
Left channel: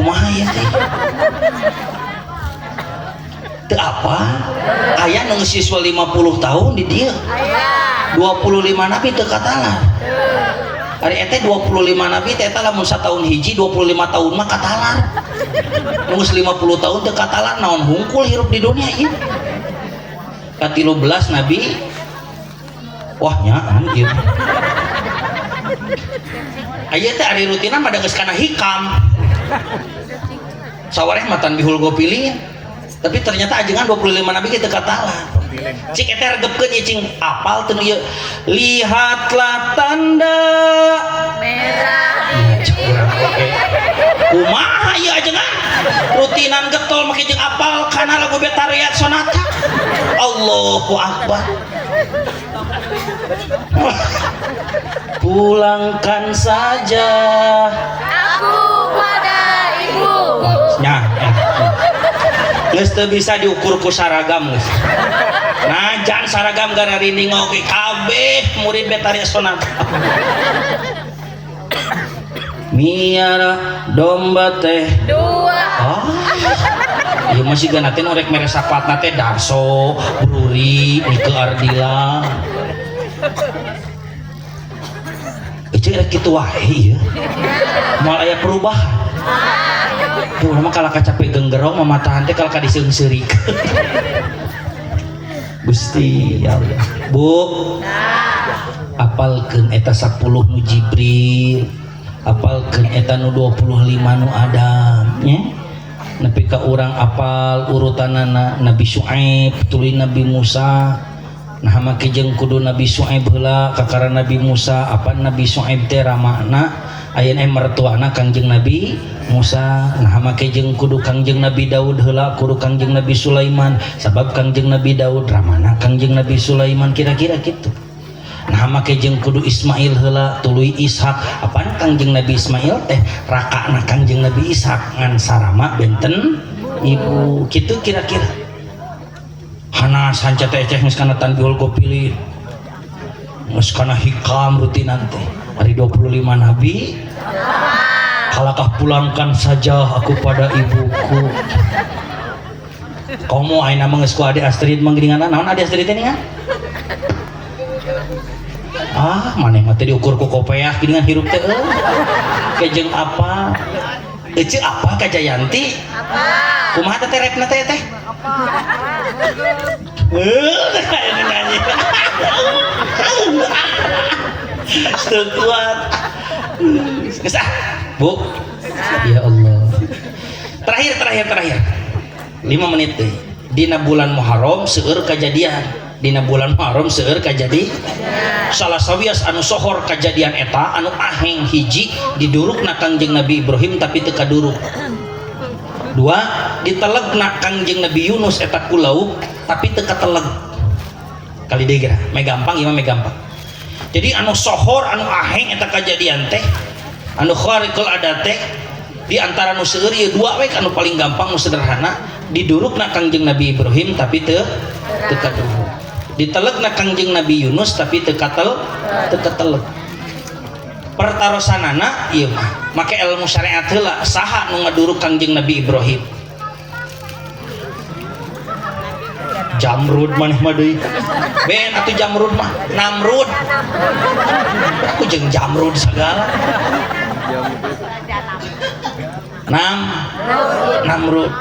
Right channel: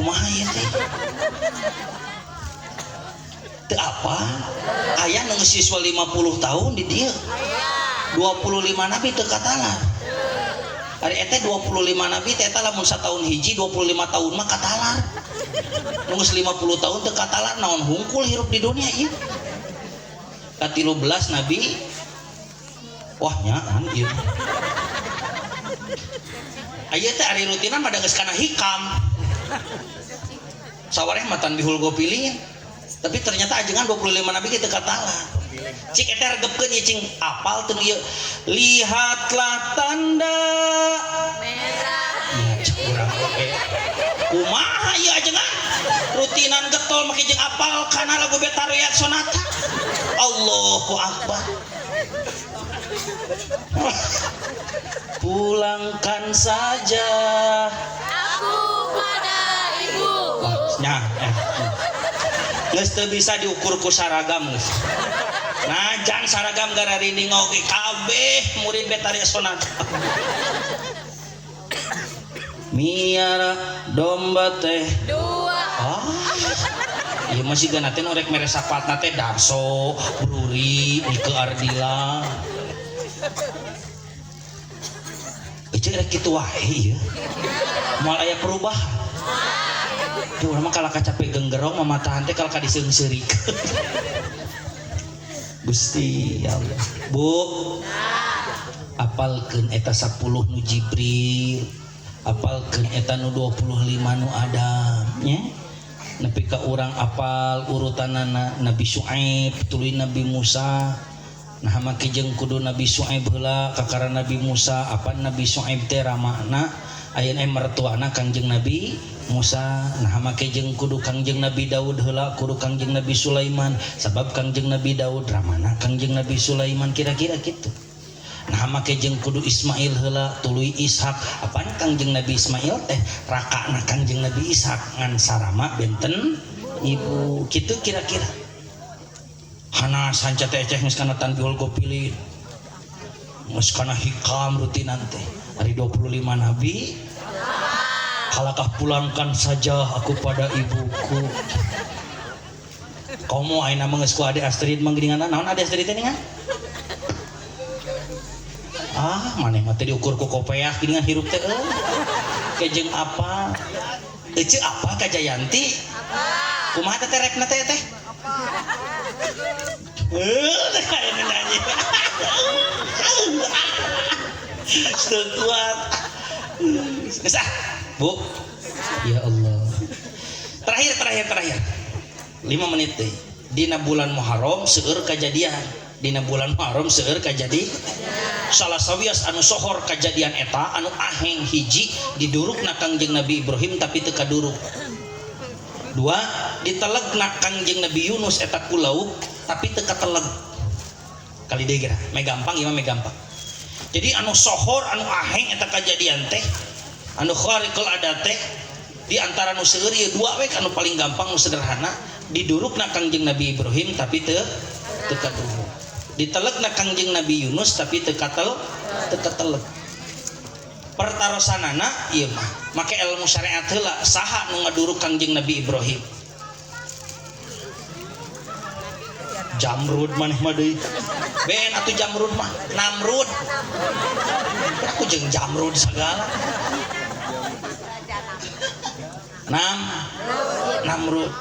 kumaha ya teh teu apa aya nu siswa 50 tahun di dieu 25 nabi teu katalar ari eta 25 nabi teh eta lamun satahun hiji 25 tahun mah katalar nu 50 tahun teu katalar naon hungkul hirup di dunia ieu ka-13 nabi wah nyaan ieu aya teh ari rutinan pada geus kana hikam sawareh matan bihul gopilin tapi ternyata ajengan 25 nabi kita katalah cik eta regepkeun ieu cing apal teu ieu lihatlah tanda merah cik urang oke kumaha ieu ajengan rutinan getol make jeung apal kana lagu Betariat Sonata Allahu Akbar pulangkan saja aku pada ibu nya geus teu bisa diukur ku saragam geus najan saragam gara rinding oge kabeh murid Betariat Sonata miara domba teh dua ieu masih gana teh norek mere sapatna teh Darso Bruri Nike Ardila cek gitu wae ya moal aya perubahan tuh mah kalau capek genggerong mamatahan teh kalau diseung-seurik Gusti ya Allah Bu apalkeun eta 10 nu Jibril apalkeun eta nu 25 nu Adam nya nepi ka urang apal urutanana Nabi Syuaib tuluy Nabi Musa nah make jeung kudu Nabi Syuaib heula kakara Nabi Musa apa Nabi Syuaib teh ramana ayeuna mertuana Kangjeng Nabi Musa nah make jeung kudu Kangjeng Nabi Daud heula kudu Kangjeng Nabi Sulaiman sabab Kangjeng Nabi Daud ramana Kangjeng Nabi Sulaiman kira-kira kitu nah make jeung kudu Ismail heula tuluy Ishak apaan Kangjeng Nabi Ismail teh rakana Kangjeng Nabi Ishak ngan sarama benten ibu kitu kira-kira hana sanca teh geus kana tanbihul gopilin geus kana hikam rutinan teh hari 25 nabi kalakah pulangkan saja aku pada ibuku kamu ayeuna mah geus ku Ade Astrid manggiringan naon Ade Astrid teh ningan maneh mah teh diukur ku kopeah geuningan hirup teh kejeng apa ece apa ka Jayanti apa kumaha teh repna teh teh kuat gesah Bu ya Allah terakhir 5 menit deh dina bulan Muharram seueur kajadian dina bulan Muharram seueur kajadi salah sawias anu sohor kajadian eta anu aheng hiji didurukna Kangjeng Nabi Ibrahim tapi teu kaduruk 2 ditelegna Kangjeng Nabi Yunus eta ku lauk tapi teu kateleg kali deui geura me gampang ieu mah me gampang jadi anu sohor anu aheng eta kajadian teh anu khariqul adat teh di antara nu seueur ieu 2 we anu paling gampang nu sederhana didurukna Kangjeng Nabi Ibrahim tapi teu kaduruk ditelegna Kangjeng Nabi Yunus tapi teu kateleg pertarosanana ieu mah make ilmu syariat heula saha nu ngaduruk Kangjeng Nabi Ibrahim Jamrud maneh mah deui ben atuh Jamrud mah Namrud aku jeung Jamrud sagala Namrud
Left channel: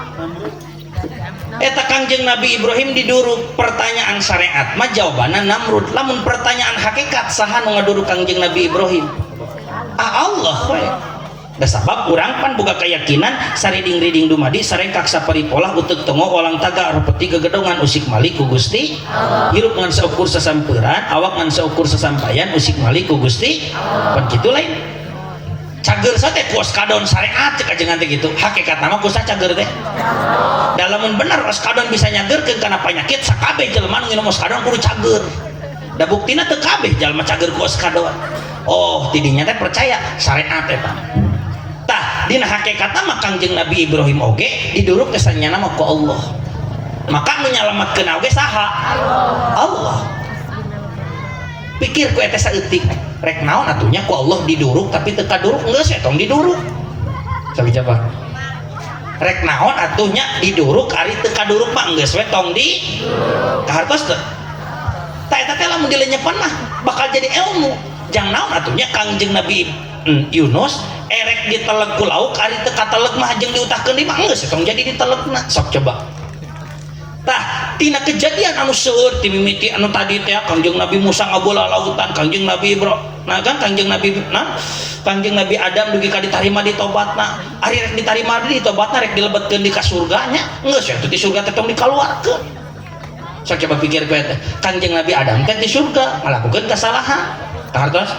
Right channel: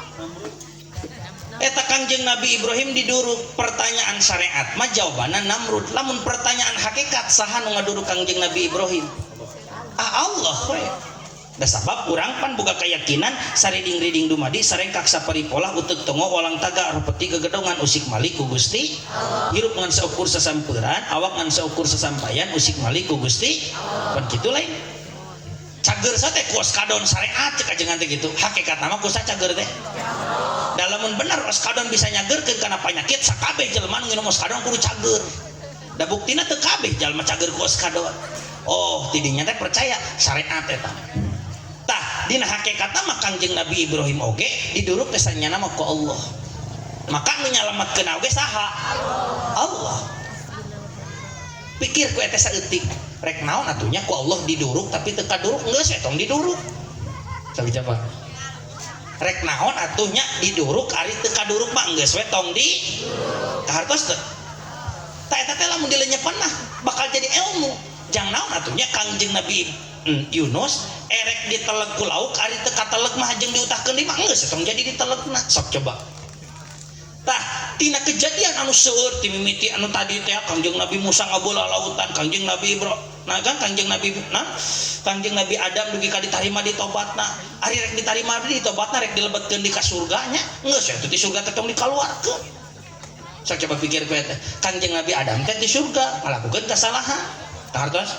eta Kangjeng Nabi Ibrahim diduruk pertanyaan syariat mah jawabanna Namrud lamun pertanyaan hakikat saha nu ngaduruk Kangjeng Nabi Ibrahim Allah we da sabab urang pan boga keyakinan sariding-riding dumadi sarengkak saparipolah uteuk tongo olang taga repeti gegedongan usik malik ku Gusti hirup ngan saukur sasampeuran awak ngan saukur sasampayan usik malik ku Gusti pan kitu lain cager teh kuos kadon syariat cek ajengan teh gitu hakikat nama kusa cager teh dalamun bener oskadon bisa nyagerkeun kana panyakit sakabeh jelema nu nginum oskadon kudu cager da buktina teu kabeh jalma cager ku oskadon oh tidinya teh percaya syariat eta tah dina hakikatna mah Kangjeng Nabi Ibrahim oge diduruk kesannya nama ku Allah maka nu nyalametkeun oge saha Allah pikir ku eta saeutik rek naon atunya ku Allah diduruk tapi teu kaduruk geus eta diduruk sakit apa rek naon atuhnya diduruk ari teu kaduruk mah geus we tong di kahartos teu ta eta teh lamun dilenyepan mah bakal jadi ilmu jang naon atuhnya Kangjeng Nabi Yunus erek diteleg ku lauk ari teu kateleg mah jeung diutahkeun di mah geus tong jadi ditelegna sok coba tah tina kejadian anu seueur ti mimiti anu tadi teh Kangjeng Nabi Musa ngabola lautan Kangjeng Nabi Kangjeng Nabi Adam dugi ka ditarima di tobatna ari rek ditarima di tobatna rek dilebetkeun di ka surganya geus atuh di surga teh tong dikaluarkeun sok coba pikir bae teh Kangjeng Nabi Adam teh di surga ngalakukeun kasalahan kahartos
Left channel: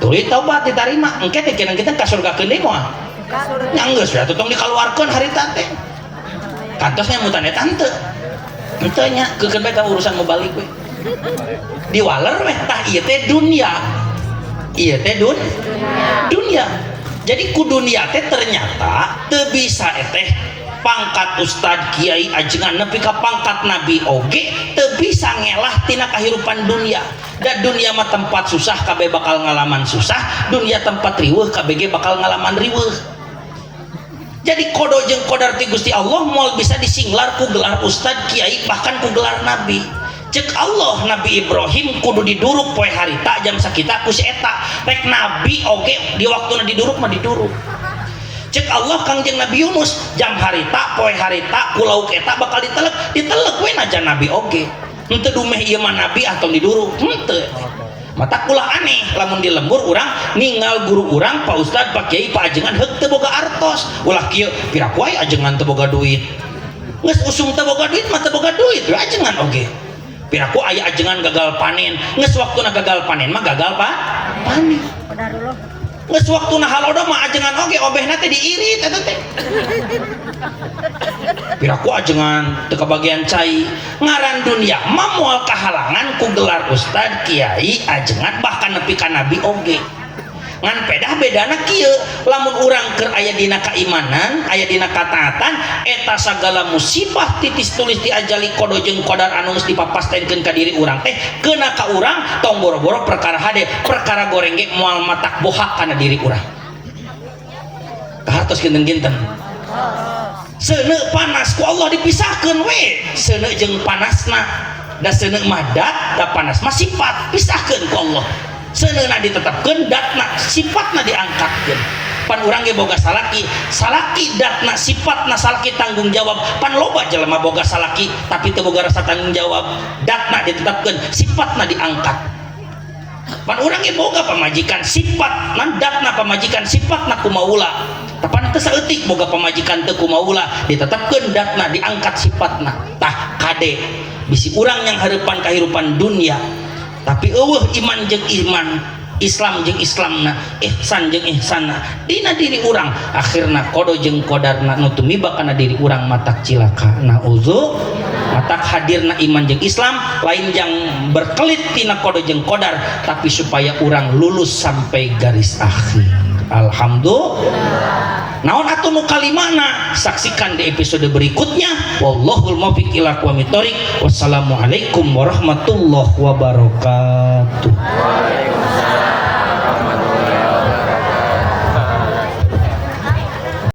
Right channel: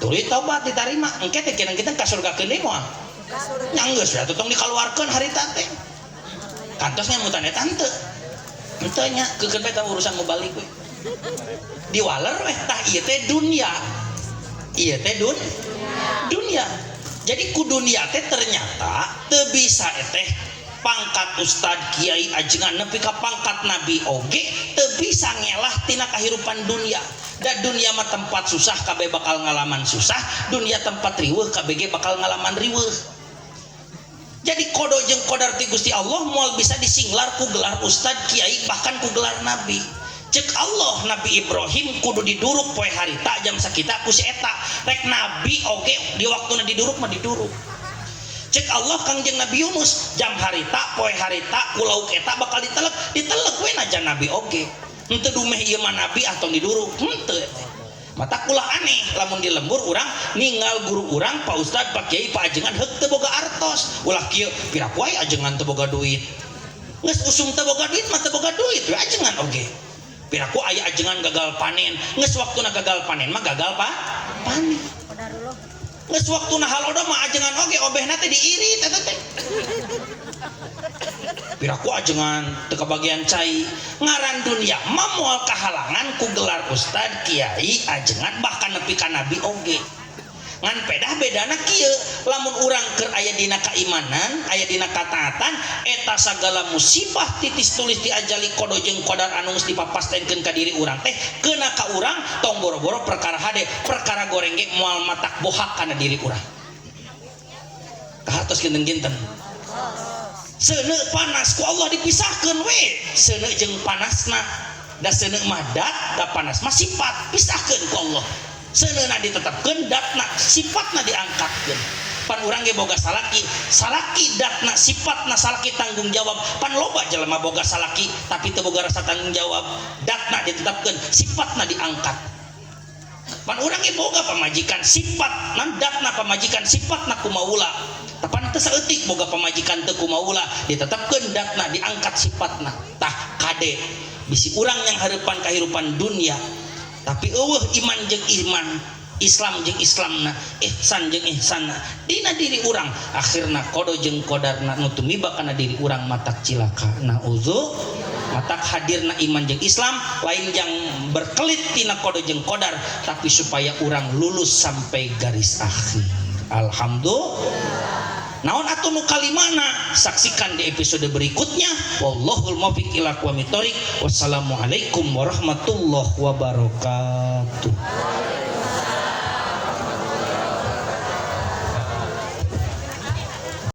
tuluy tobat ditarima engke teh kita ka surga keun deui moal nya geus atuh tong dikaluarkeun harita teh kantosnya mutan eta henteu henteu nya keukeun bae ka urusan mubalik we diwaler weh tah ieu teh dunia iya teh dunia jadi ku dunia teh ternyata teu bisa teh pangkat ustad kiai ajengan nepi ka pangkat nabi oge teu bisa ngelah tina kahirupan dunia dan dunia mah tempat susah kabeh bakal ngalaman susah dunia tempat riweuh kabeh ge bakal ngalaman riweuh jadi kodo jeung kodar ti Gusti Allah moal bisa disinglar ku gelar ustad kiai bahkan ku gelar nabi cek Allah Nabi Ibrahim kudu diduruk poe harita jam sakita ku si eta rek nabi oge di waktuna diduruk mah diduruk cek Allah Kangjeng Nabi Yunus jam harita poe harita ku lauk eta bakal diteleg we najan nabi oge henteu dumeh ieu mah nabi atau diduruk henteu mata kula aneh lamun di lembur urang ningal guru urang Pak Ustad Pak Kiai Pak ajengan heuk teu boga artos ulah kieu piraku wae ajengan teu boga duit geus usum teu boga duit mah teu boga duit we ajengan oge piraku aya ajengan gagal panen geus waktuna gagal panen mah gagal panen geus waktuna halodo mah ajengan oge obehna teh diirit eta teh piraku ajengan teu kabagian cai ngaran dunia mah moal kahalangan ku gelar ustad kiai ajengan bahkan nepi ka nabi oge ngan pedah bedana kieu lamun urang keur aya dina kaimanan aya dina kataatan eta sagala musibah titis tulis diajali kodo jeung kodar anu geus dipapastenkeun ka diri urang teh keuna ka urang tong boro-boro perkara hade perkara goreng ge moal matak bohak kana diri urang kahartos kinten-kinten seuneu panas ku Allah dipisahkeun we seuneu jeung panasna da seuneu mah dat da panas mah sifat pisahkeun ku Allah seuneu ditetepkeun datna sifatna diangkatkeun pan urang ge boga salaki datna sifatna salaki tanggung jawab pan loba jelema boga salaki tapi teu boga rasa tanggung jawab datna ditetepkeun sifatna diangkat pan urang ge boga pamajikan sifatna datna pamajikan sifatna kumaula tapan teu saeutik boga pamajikan teu kumaula ditetepkeun datna diangkat sifatna tah kade bisi urang yang hareupan kahirupan dunia tapi eueuh iman jeung iman Islam jeung Islamna ihsan jeung ihsanna dina diri urang akhirna kodo jeung kodarna nu tumiba kana diri urang matak cilaka nauzu matak hadirna iman jeung Islam lain yang berkelit tina kodo jeung kodar tapi supaya urang lulus sampai garis akhir alhamdulillah naon atuh nu kalimana saksikan di episode berikutnya wallahul muwaffiq ila aqwamit thoriq wassalamualaikum warahmatullahi wabarakatuh.